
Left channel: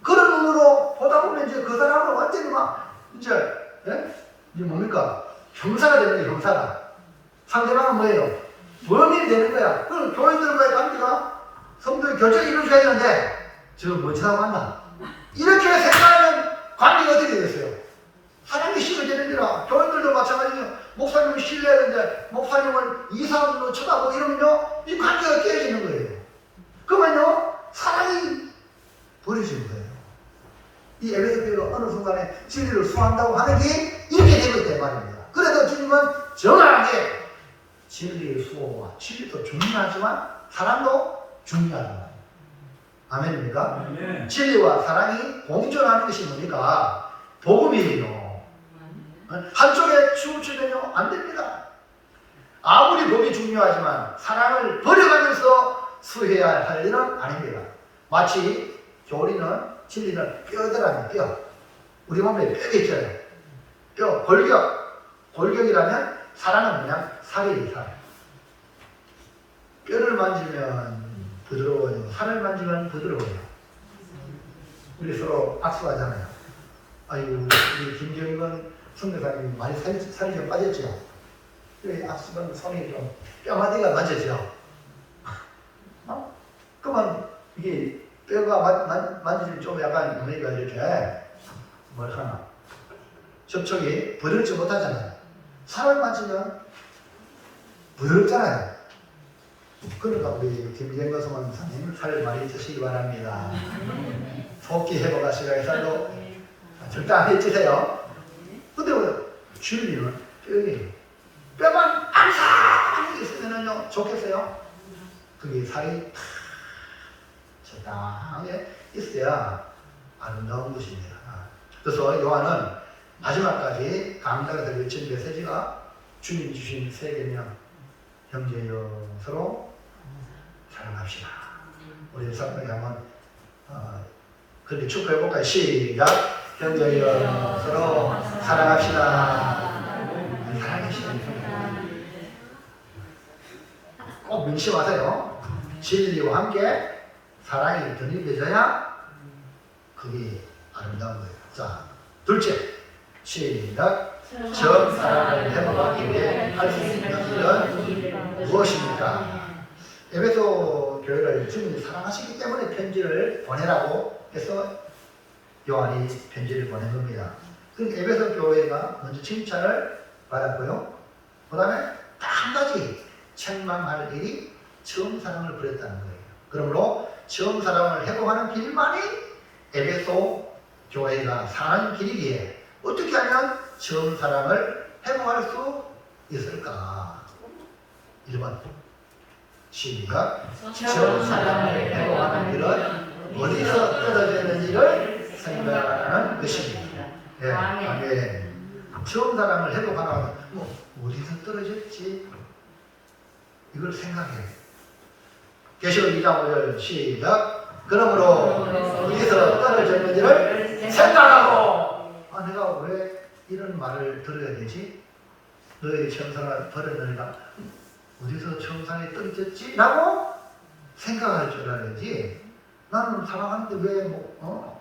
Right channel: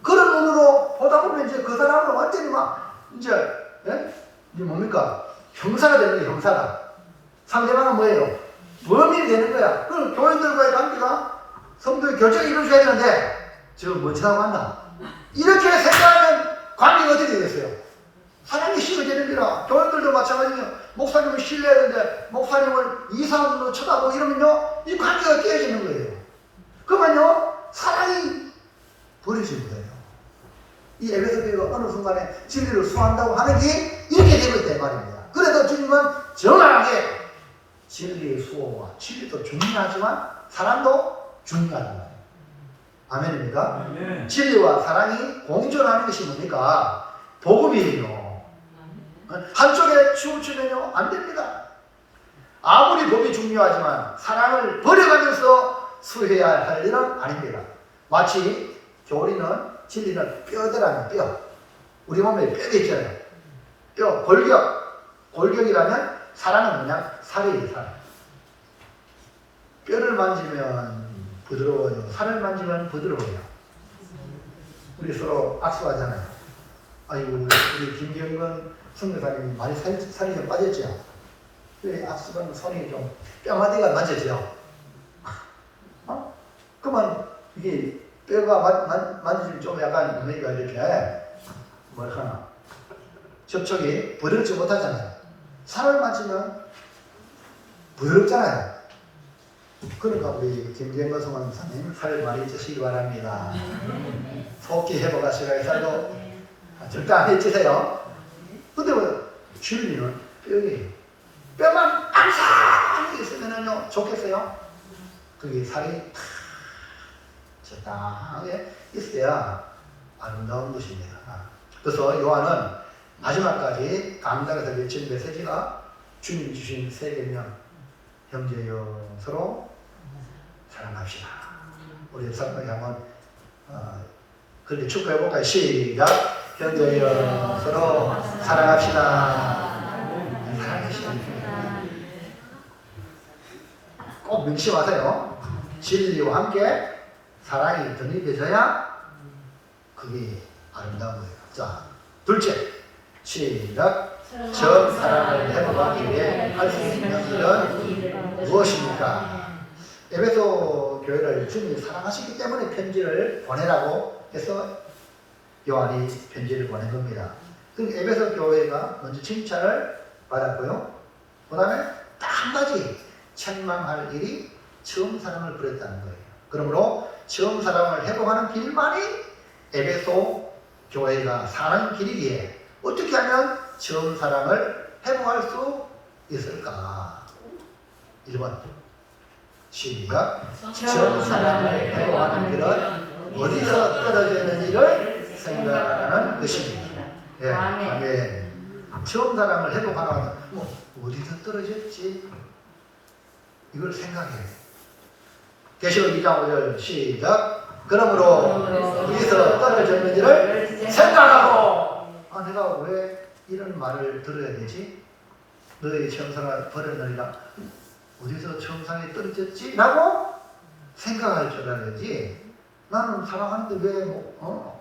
그런 눈으로 보다 보면 이제 그 사람은 완전히 막 이제 이게 뭡니까? 형사가 되는 거예요. 형사가. 상대방은 뭐예요? 범인이 되는 거야. 그럼 교인들과의 관계가 성도의 결정이 이루어져야 되는데 저 멋지다고 한다. 이렇게 생각하면 관계가 어떻게 되겠어요? 사람이 심어지는 거라. 교인들도 마찬가지예요. 목사님을 신뢰해야 되는데 목사님을 이상으로 쳐다보고 이러면요 이 관계가 깨어지는 거예요. 그러면요 사랑이 버려지는 거예요. 이 에베소 교회가 어느 순간에 진리를 수호한다고 하는 게 이렇게 되고 있단 말입니다. 그래서 주님은 정확하게 진리의 수호와 진리도 중요하지만 사랑도 중요하다. 아멘입니까? 네. 진리와 사랑이 공존하는 것이 뭡니까? 복음이에요. 한쪽에 치우치면요 안 됩니다. 아무리 법이 중요하지만 사랑을 버려가면서 수해야 할 일은 아닙니다. 마치 교리는 진리는 뼈대라는 뼈. 우리 몸에 뼈가 있잖아요. 뼈, 골격. 골격이라면 사랑은 그냥 살이에요, 살. 뼈를 만지면 부드러워요. 살을 만지면 부드러워요. 우리 서로 악수하잖아요. 아이고, 우리 김경건 선교사님이 많이 살이 좀 빠졌죠? 악수하면 손이 좀 뼈마디가 만졌죠? 그러면 이게 뼈가 만지면 좀 약간 뭡니까 이렇게 뭐랄까나 접촉이 부드럽지 못하잖아요. 살을 만지면 부드럽잖아요. 그러니까 우리 김경건 선교사님 살 많이 찌시기 바랍니다. 속기 회복하시라고 살도 절대 안 해주세요. 근데 왜 주님은 뼈예요. 뼈만 항상 있으면요 좋겠어요? 그게 살이 적당하게 있어야 아름다운 것입니다. 그래서 요한은 마지막까지 강단에서 외친 메시지가 주님 주신 세 계명 형제여 서로 사랑합시다. 우리 성경에 한번 그렇게 축구해볼까요? 시작! 형제여 서로 사랑합시다. 사랑합시다. 꼭 명심하세요. 진리와 함께 사랑이 덧입혀져야 그게 아름다운 거예요. 자, 둘째, 시작. 전 사랑을 회복하기 위해 할 수 있는 일은 무엇입니까? 에베소 교회를 주님이 사랑하시기 때문에 편지를 보내라고 해서 요한이 편지를 보낸 겁니다. 그 에베소 교회가 먼저 칭찬을 받았고요. 그 다음에 딱 한 가지 책망할 일이 처음 사랑을 버렸다는 거예요. 그러므로 처음 사랑을 회복하는 길만이 에베소 교회가 사는 길이기에 어떻게 하면 처음 사랑을 회복할 수 있을까? 1번 시작. 처음 사랑을 회복하는 길은 어디서 떨어지는지를 생각하는 것입니다. 예, 아멘. 처음 사랑을 회복하는 어디서 떨어졌지? 이걸 생각해야 돼. 계시록 2장 5절 시작. 그러므로 어디서 떨어졌는지를 생각하고 아, 내가 왜 이런 말을 들어야 되지? 너의 처음 사랑을 버렸느니라. 어디서 처음 사랑이 떨어졌지? 라고 생각할 줄 알아야지. 나는 사랑하는데 왜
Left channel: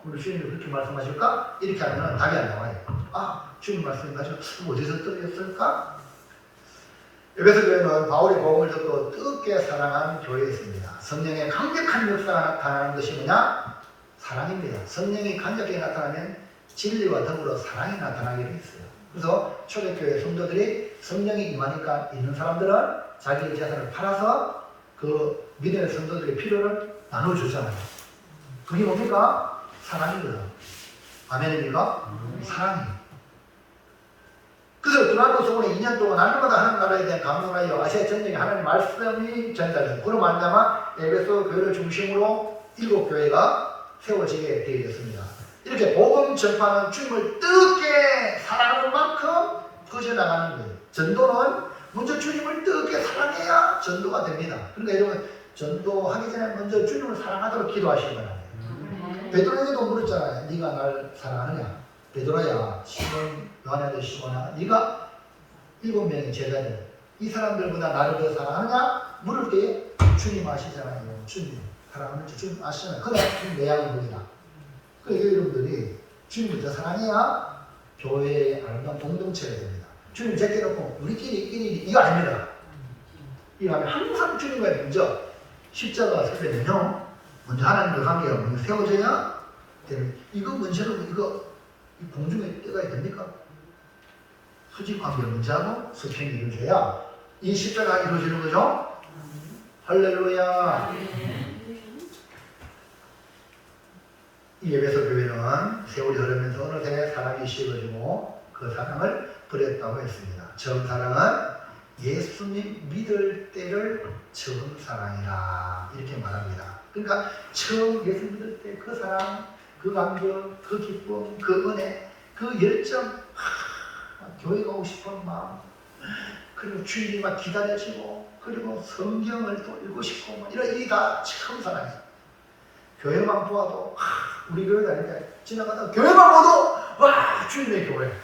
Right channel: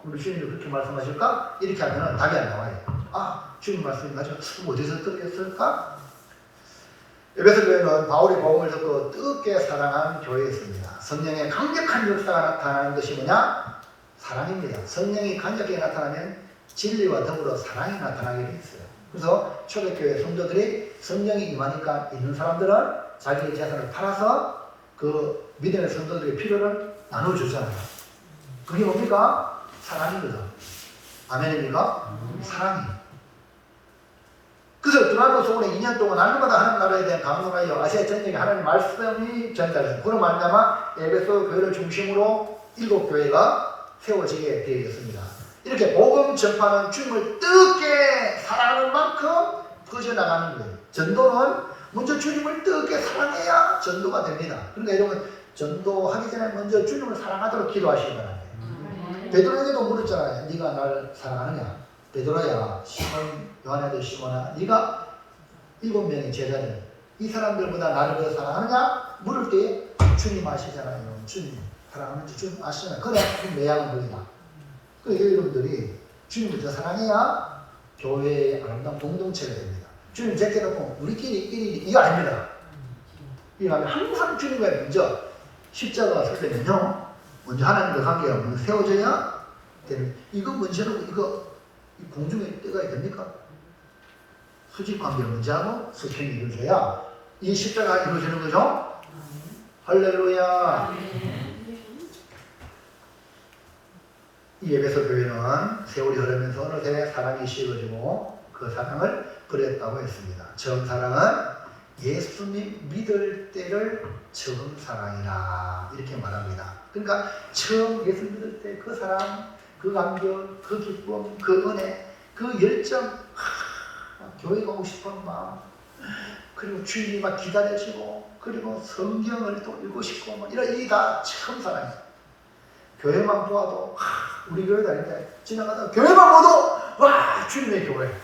우리 주님이 그렇게 말씀하실까? 이렇게 하면 답이 안 나와요. 아, 주님 말씀이 가지고 어디서 떨어졌을까? 에베소 교회는 바울의 복음을 듣고 뜨겁게 사랑한 교회였습니다. 성령의 강력한 역사가 나타나는 것이 뭐냐? 사랑입니다. 성령이 강력하게 나타나면 진리와 더불어 사랑이 나타나게 돼 있어요. 그래서 초대교회 성도들이 성령이 임하니까 있는 사람들은 자기의 재산을 팔아서 그 믿음의 성도들의 필요를 나눠주잖아요. 그게 뭡니까? 사랑이거든. 아멘입니까? 사랑이에요. 그래서 드라마 소원에 2년 동안 날마다 하나님 나라에 대한 감동하여 아시아 전역에 하나님 말씀이 전달돼서 그로 만나마 에베소 교회를 중심으로 7교회가 세워지게 되어 있습니다. 이렇게 복음 전파는 주님을 뜨겁게 사랑하는 만큼 퍼져나가는 거예요. 전도는 먼저 주님을 뜨겁게 사랑해야 전도가 됩니다. 그러니까 여러분 전도하기 전에 먼저 주님을 사랑하도록 기도하시기 바랍니다. 베드로에게도 물었잖아요. 네가 날 사랑하느냐? 베드로야, 시몬, 요한의 시몬아, 네가 7명의 제자들 이 사람들보다 나를 더 사랑하느냐? 물을 때 주님 아시잖아요. 주님 사랑하는지 주님 아시잖아요. 그래, 매양을 보이나. 그러니까 여러분들이 주님을 더 사랑해야 교회의 아름다운 공동체가 됩니다. 주님 제껴놓고 우리끼리 1인 이거 아닙니다. 이거 하면 항상 주님과 먼저 십자가 설명은요. 먼저 하나님과 관계가 먼저 세워져야 되는. 이거 먼저로 이거 공중에 떠가야 됩니까? 수직 관계를 먼저 하고 수평이 이루어져야 이 십자가가 이루어지는 거죠. 할렐루야. 이 에베소 교회는 세월이 흐르면서 어느새 사랑이 식어지고 그 사랑을 버렸다고 했습니다. 처음 사랑은 예수님 믿을 때를 처음 사랑이라 이렇게 말합니다. 그러니까 처음 예수 믿을 때 그 사랑, 그 감격, 그 기쁨, 그 은혜, 그 열정, 교회 가고 싶은 마음, 그리고 주님만 기다려지고, 그리고 성경을 또 읽고 싶고, 이런 일이 다 처음 사랑이에요. 교회만 보아도 우리 교회 다닐 때 지나가다가 교회만 봐도 와 주님의 교회.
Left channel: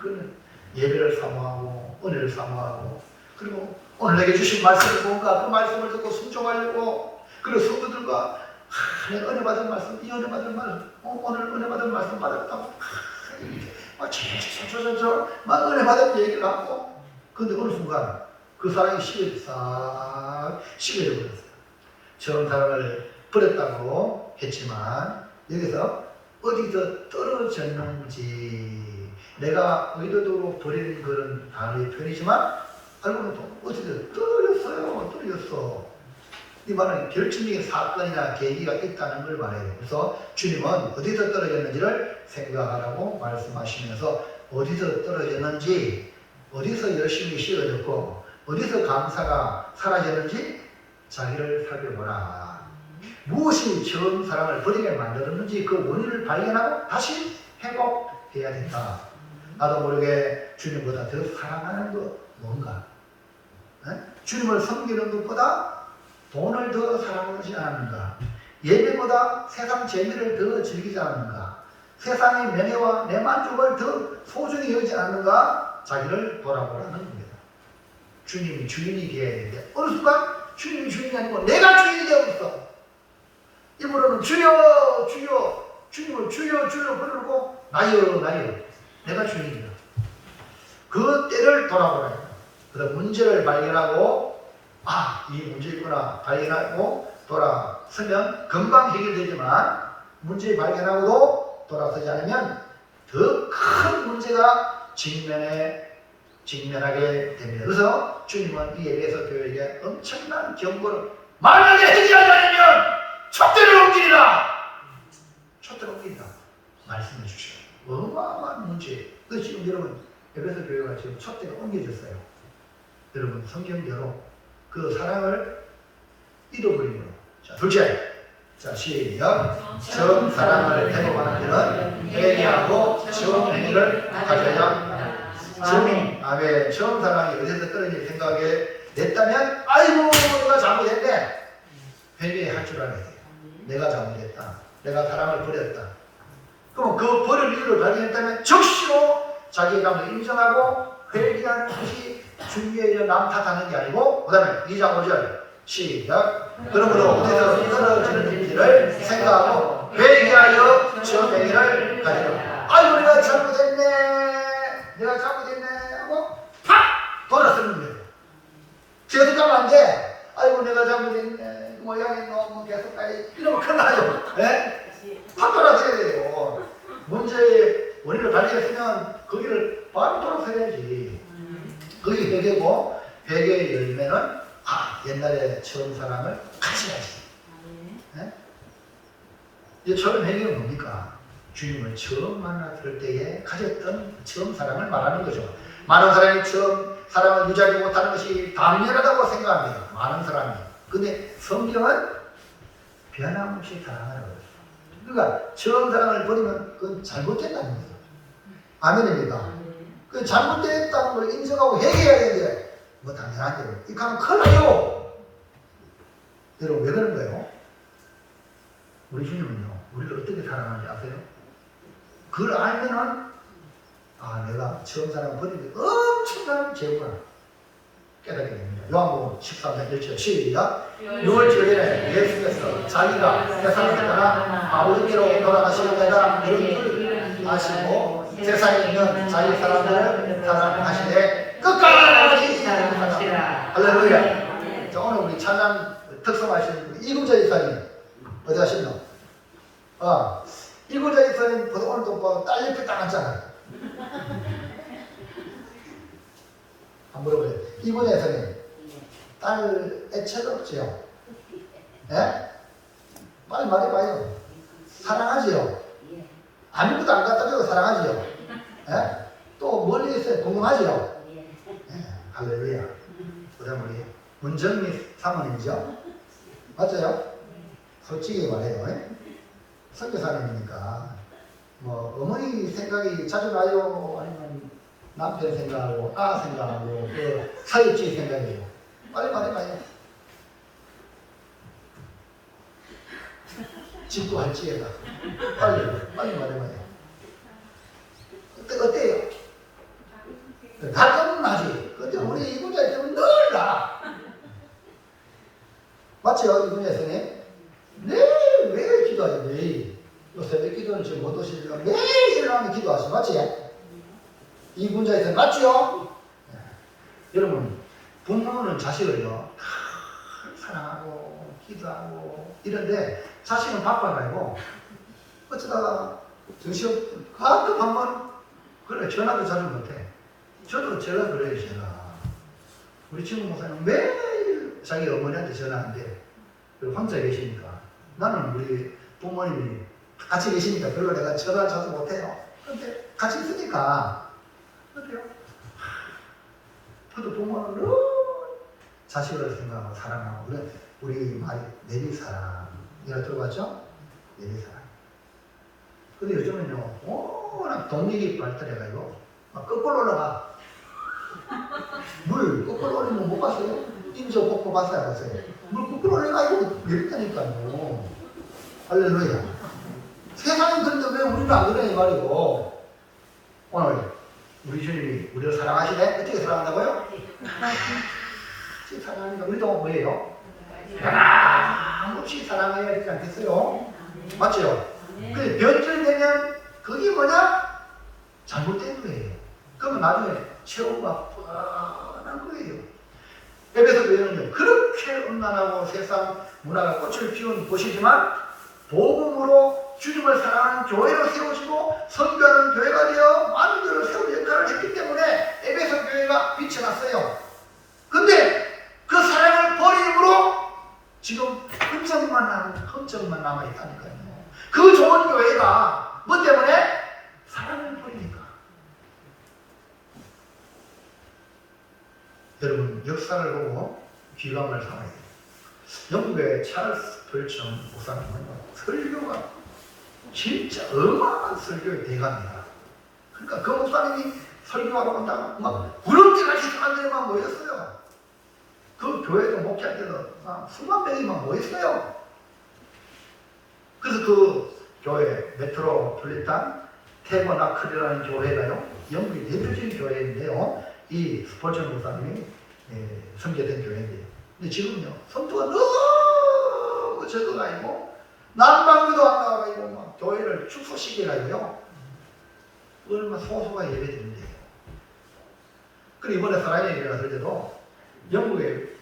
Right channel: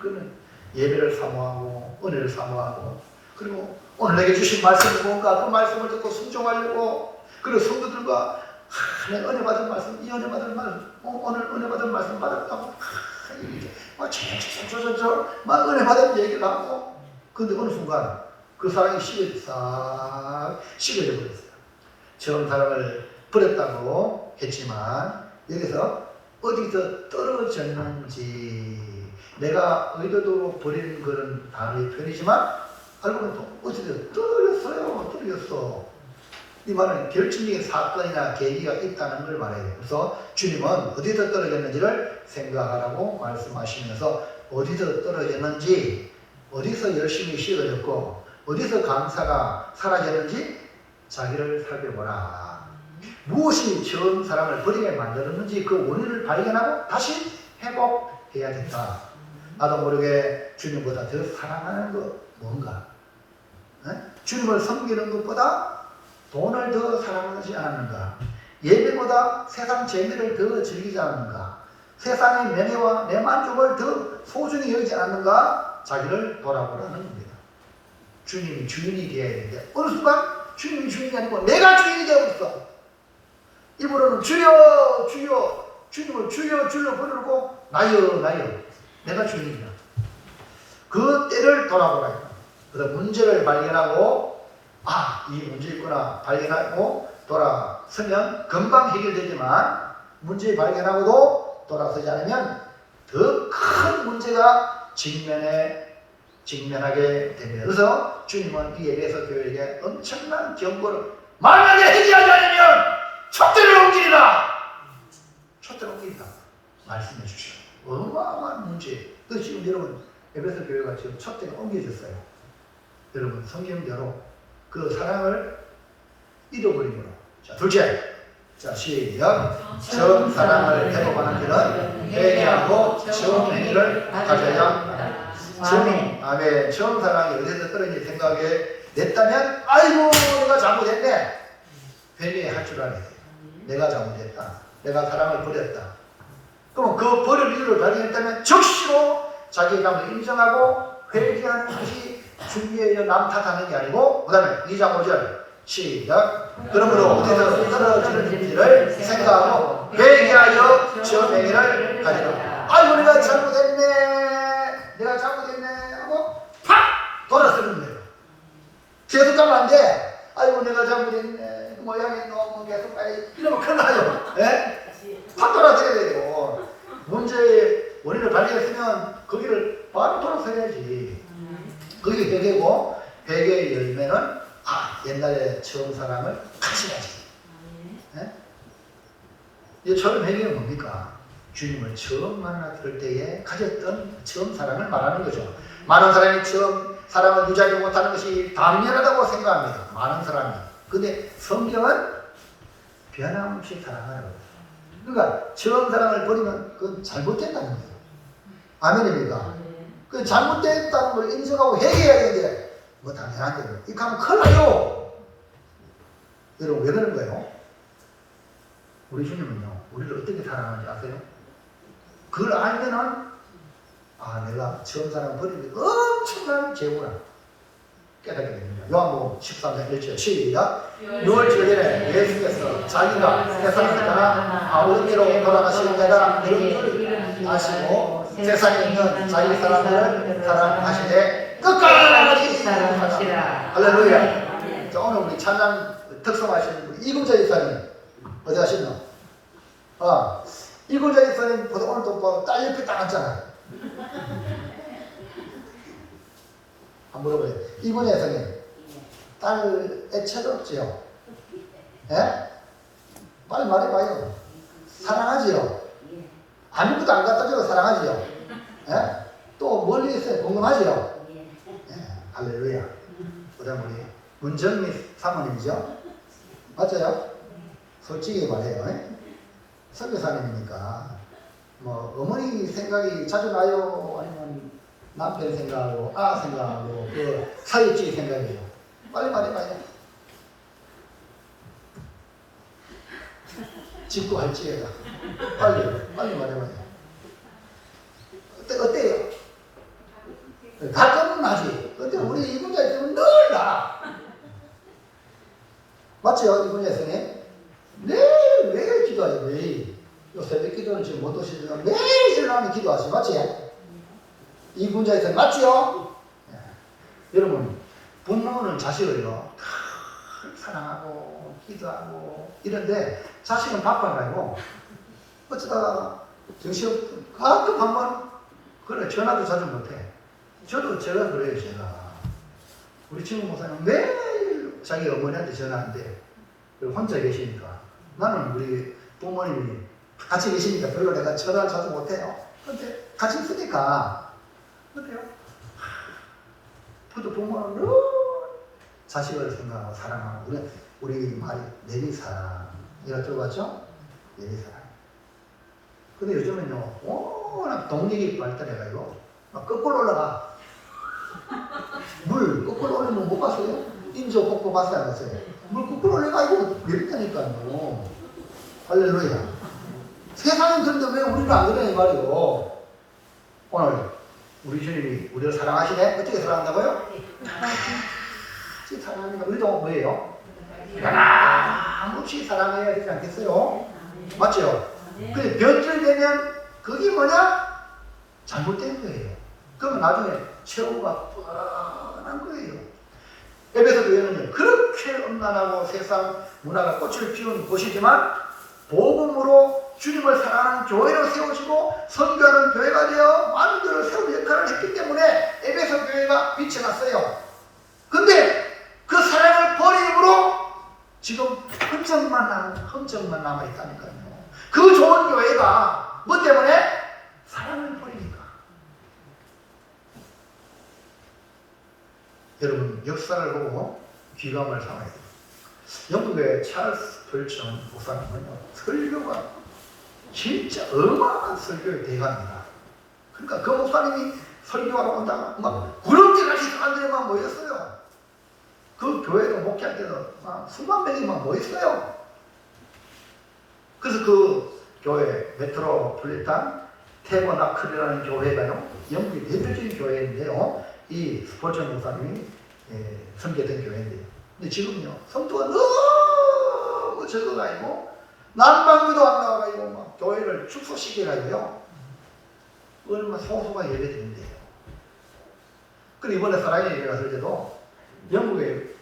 그러면 예배를 사모하고 은혜를 사모하고 그리고 오늘 내게 주신 말씀이 뭔가 그 말씀을 듣고 순종하려고 그리고 성도들과 내가 은혜 받은 말씀 이 은혜 받은 말씀 오늘 은혜 받은 말씀 받았다고 막 은혜 받은 얘기를 하고 근데 어느 순간 그 사랑이 싹 식어져 버렸어요. 처음 사랑을 버렸다고 했지만 여기서 어디서 떨어졌는지 내가 의도적으로 버리는 그런 단어의 표현이지만 알고 보면 또 어디서 떨어졌어. 이 말은 결정적인 사건이나 계기가 있다는 걸 말해요. 그래서 주님은 어디서 떨어졌는지를 생각하라고 말씀하시면서 어디서 떨어졌는지 어디서 열심히 쉬어졌고 어디서 감사가 사라졌는지 자기를 살펴보라. 무엇이 처음 사랑을 버리게 만들었는지 그 원인을 발견하고 다시 회복해야 된다. 나도 모르게 주님보다 더 사랑하는 것 뭔가? 네? 주님을 섬기는 것보다 돈을 더 사랑하지 않았는가? 예배보다 세상 재미를 더 즐기지 않았는가? 세상의 명예와 내 만족을 더 소중히 여기지 않았는가? 자기를 돌아보라는 겁니다. 주님이 주인이 되어야 되는데 어느 순간 주님이 주인이 아니고 내가 주인이 되어버렸어. 입으로는 주여 주여 주님을 주여 주여 부르고 나여 내가 주인이야. 그 때를 돌아보라. 그래서 문제를 발견하고 이 문제 있구나 발견하고 돌아서면 금방 해결되지만 문제 발견하고도 돌아서지 않으면 더 큰 문제가 직면하게 됩니다. 그래서 주님은 이 에베소 교회에게 엄청난 경고를 만약에 해결하지 않으면 촛대를 옮기리라. 촛대를 옮기리라 말씀해 주시고 어마어마한 문제. 그래서 지금 여러분 에베소 교회가 지금 촛대가 옮겨졌어요. 여러분 성경대로 그 사랑을 잃어버림으로. 자, 둘째. 자, 시작. 처음 사랑을 회복하는 자는 회개하고 처음 행위를 가져야 아멘. 처음 사랑이 어디서 떨어질 생각에 냈다면 아이고 내가 잘못했네. 회개할 줄 알아야 돼. 내가 잘못했다. 내가 사랑을 버렸다. 그럼 그 버릴 이유를 발견했다면 적시로 자기의 잘못을 인정하고 회개하는 것이 중요해요. 남 탓하는 게 아니고. 그 다음에 2장 5절 시작. 그러므로 우리는 떨어지는 일을 생각하고 회개하여 지은 행위를 가지라. 아이고 내가 잘못했네, 내가 잘못했네 하고 팍 돌아서는 거예요. 계속 가면 안 돼. 아이고 내가 잘못했네, 모양이 너무 계속 가야지. 이러면 큰일 나요. 예? 팍 돌아서야 돼요. 문제의 원인을 발견했으면 거기를 바로 돌아서야지. 그게 회개고, 회개의 열매는 옛날에 처음 사랑을 가져야지. 예? 이 처음 회개는 뭡니까? 주님을 처음 만났을 때에 가졌던 처음 사랑을 말하는 거죠. 많은 사람이 처음 사랑을 유지하지 못하는 것이 당연하다고 생각합니다. 많은 사람이. 근데 성경은 변함없이 사랑하라고 그래요. 그러니까 처음 사랑을 버리면 그건 잘못됐다는 거예요. 아멘입니까? 그 잘못됐다는 걸 인정하고 회개해야 되는데 뭐 당연한 대로 이렇게 하면 큰일 나요. 여러분 왜 그런 거예요? 우리 주님은요, 우리를 어떻게 사랑하는지 아세요? 그걸 알면은 내가 처음 사랑 버린 게 엄청난 죄구나 깨닫게 됩니다. 요한복음 13장 1절 시작. 6월 주일에 예수께서 자기가 세상을 떠나 오른뒤로 돌아가시려다 이런 걸 아시고 세상에 있는 자기 사람들을 사랑하시되 끝까지 사랑하시라. 할렐루야. 자, 오늘 우리 찬양 특성하시는 우리 이금자 집사님 어디 가셨노? 이금자 집사님 보다 오늘 또 딸 옆에 딱 앉잖아. 한번 물어봐요. 이금자 집사님 딸 애착 없지요? 예? 빨리 말해봐요. 사랑하지요? 아무것도 안 갖다 줘도 사랑하지요? 예? 또 멀리 있어요? 궁금하지요? 예. 할렐루야. 그 다음 우리 문정미 사모님이죠? 맞아요? 솔직히 말해요. 선교사님이니까 뭐 어머니 생각이 자주 나요? 아니면 남편 생각하고 생각하고 그 사회주의 생각이에요? 빨리 말해봐요. 짓고 할지에다 빨리 말해봐요. 어때요? 가끔은 하지. 근데 우리 이분자 있으면 늘 나. 맞죠? 이분자 있으면 매일 기도하지. 매일. 요 새벽 기도는 지금 못 오시면 매일 일어나면 기도하시. 맞지? 이분자 있으면 맞죠? 네. 여러분 부모는 자식을요 사랑하고 기도하고 이런데 자식은 바빠 말고 어쩌다가 정신 가끔 한번 그래 전화도 자주 못해. 저도 제가 그래요. 제가 우리 친구 목사님 매일 자기 어머니한테 전화하는데 혼자 계시니까 나는 우리 부모님이 같이 계시니까 별로 내가 전화를 자주 못해요. 근데 같이 있으니까 어때요? 저도 부모는 자식을 생각하고 사랑하고 우리 말이 내리사랑 이거 들어봤죠? 내리사랑. 근데 요즘은요 워낙 동력이 발달해가지고 막 거꾸로 올라가. 물 거꾸로 올리면 못 봤어요? 인조 꽂고 봤어요? 안 봤어요? 물 거꾸로 올려가지고 내렸다니까요. 할렐루야. 세상은 그런데 왜 우리는 안 그러냐 말이고. 오늘 우리 주님이 우리를 사랑하시네? 어떻게 사랑한다고요? 같이 사랑합니다. 우리도 뭐예요? 하나같이 사랑해야 되지 않겠어요? 맞죠? 근데 변질되면 그게 뭐냐? 잘못된 거예요. 그러면 나중에 최후가 뻔한 거예요. 에베소 교회는요 그렇게 음란하고 세상 문화가 꽃을 피운 곳이지만 복음으로 주님을 사랑하는 교회로 세우시고 선교하는 교회가 되어 많은 교회를 세우는 역할을 했기 때문에 에베소 교회가 빛이 났어요. 근데 그 사랑을 버림으로 지금 흔적만 남아있다니까요. 그 좋은 교회가 뭐 때문에? 사랑을 버리니까. 여러분 역사를 보고 귀감을 삼아야 돼요. 영국의 찰스 펄청 목사님은요 설교가 진짜 어마어마한 설교의 대가입니다. 그러니까 그 목사님이 설교하러 온다가 막 구름지같이 사람들이 막 모였어요. 그 교회도 목회할 때도 막 수만 명이 막 모였어요. 그래서 그 교회 메트로폴리탄 태버나클이라는 교회가요, 영국의 대표적인 교회인데요, 이 스포츠 목사님이 섬기던 교회인데요. 근데 지금요, 성도가 너무 적어가지고 난방비도 안 나와가지고 막 교회를 축소시켜가지고요, 얼마 소소가 예배드린대요. 그리고 이번에 사랑의 일에 갔을 때도 영국의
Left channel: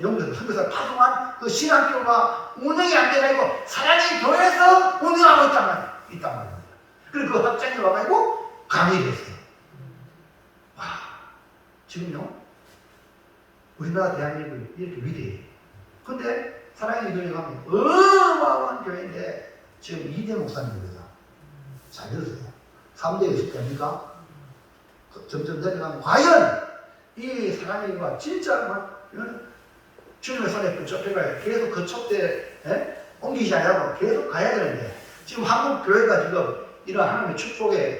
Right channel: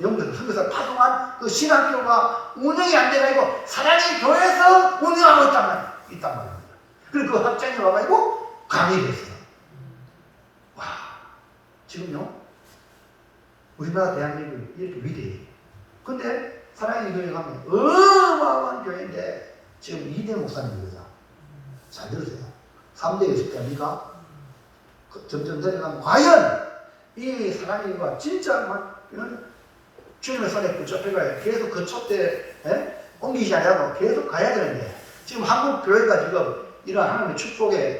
영국에서 선교사 파송한 그 신학교가 운영이 안 돼가지고 사랑의 교회에서 운영하고 있단 말입니다. 그리고 그 학장이 와가지고 강의를 했어요. 와, 지금요, 우리나라 대한민국이 이렇게 위대해요. 근데 사랑의 교회 가면 어마어마한 교회인데 지금 2대 목사님입니다. 잘 들으세요. 3대 있을 때입니까? 점점 내려가면 과연 이 사랑의 교회가 진짜 막 주님의 손에 그쪽에 계속 그 촛대 옮기지 않냐고 계속 가야 되는데, 지금 한국 교회가 지금 이런 하나님의 축복에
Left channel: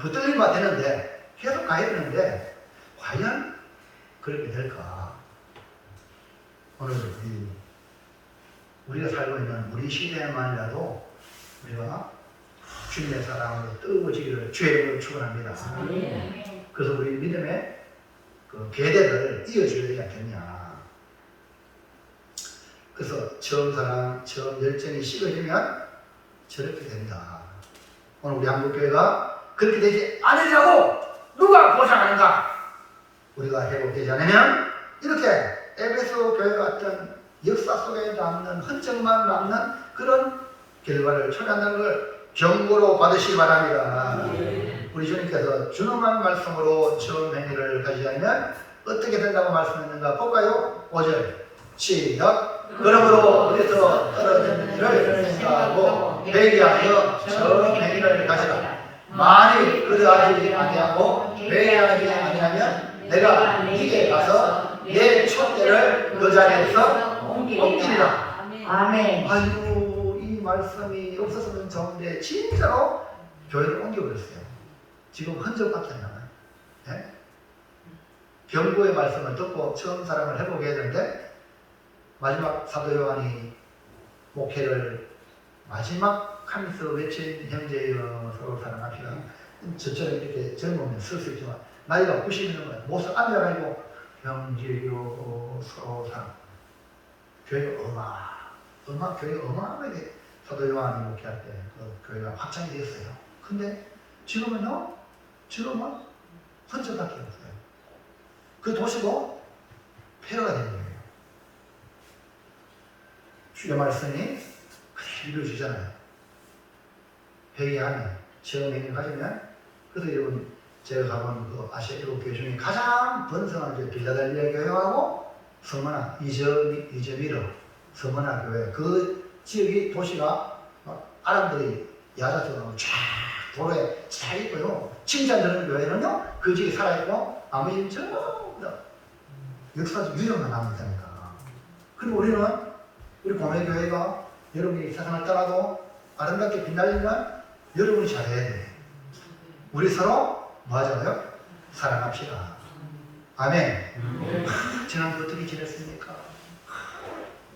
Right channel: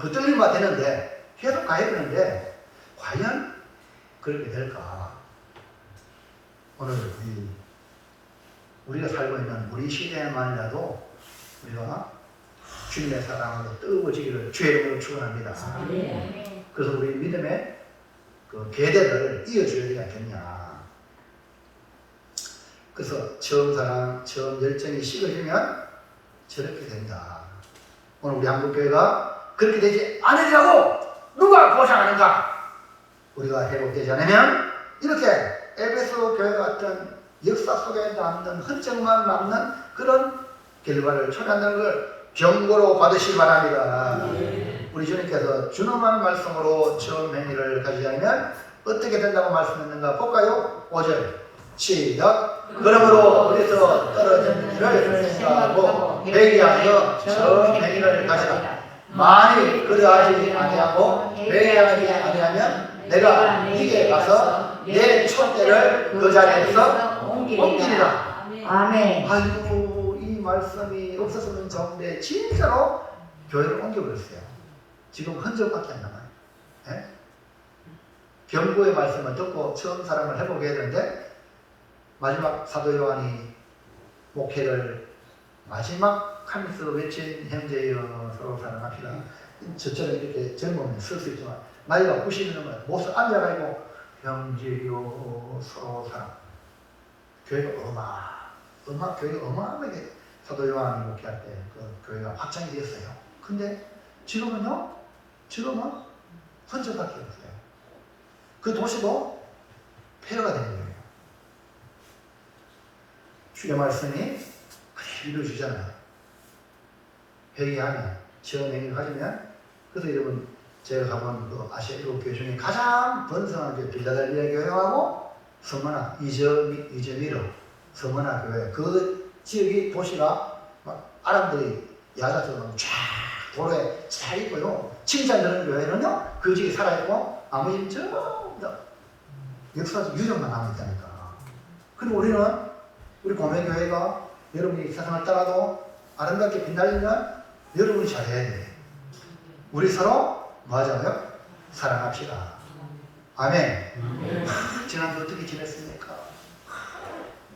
붙들리면 되는데 계속 가야 되는데 과연 그렇게 될까? 오늘 우리가 살고 있는 우리 시대만이라도 우리가 주님의 사랑으로 뜨거워지기를 주의 이름으로 축원합니다. 그래서 우리 믿음의 그 계대를 이어줘야 되지 않겠냐. 그래서 처음 사랑, 처음 열정이 식어지면 저렇게 된다. 오늘 우리 한국교회가 그렇게 되지 않으려고 누가 보장하는가? 우리가 회복되지 않으면 이렇게 에베소 교회 같은 역사 속에 남는 흔적만 남는 그런 결과를 초래한다는 걸 경고로 받으시기 바랍니다. 우리 주님께서 준엄한 말씀으로 처음 행위를 가지지 않으면 어떻게 된다고 말씀했는가 볼까요? 5절 시작. 그러므로 어디서 떨어진 일을 생각하고 회개하여 처음 행위를 가지라. 만일 그러하지 아니하고 회개하지 아니하면 내가 네게 가서 내 촛대를 그 자리에서 옮기리라. 아멘. 아이고, 이 말씀이 없었으면 좋은데 진짜로 교회를 옮겨버렸어요. 지금 흔적밖에 안 남아요. 네? 경고의 말씀을 듣고 처음 사랑을 해보게 했는데 마지막 사도 요한이 목회를 마지막 하면서 외친 형제여 서로 사랑합시다. 저처럼 이렇게 젊으면 쓸 수 있지만 나이가 90이면 못을 앉아가지고 형제여 서로 사랑. 교회가 교회가 어마어마하게 사도 요한이 목회할 때 그 교회가 확장이 되었어요. 근데 지금은 흔적밖에 없어요. 그 도시도 폐허가 된 거예요. 주의 말씀이 이루어지잖아요. 회개하면, 처음 행위를 가지면. 그래서 여러분, 제가 가본 그 아시아 일곱 교회 중에 가장 번성한 게 빌라델비아 교회하고 서머나, 이저미르 서머나 교회. 그 지역이 도시가 막 아람들이 야자처럼 쫙 도로에 잘 있고요. 칭찬되는 교회는요, 그 지역이 살아있고 나머지는 전부 다 역사적 유적만 남아있다니까. 그리고 우리 공회교회가 여러분이 세상을 떠나도 아름답게 빛나려면 여러분이 잘해야 돼요. 우리 서로 뭐 하자고요? 사랑합시다. 아멘. 지난주 어떻게 지냈습니까?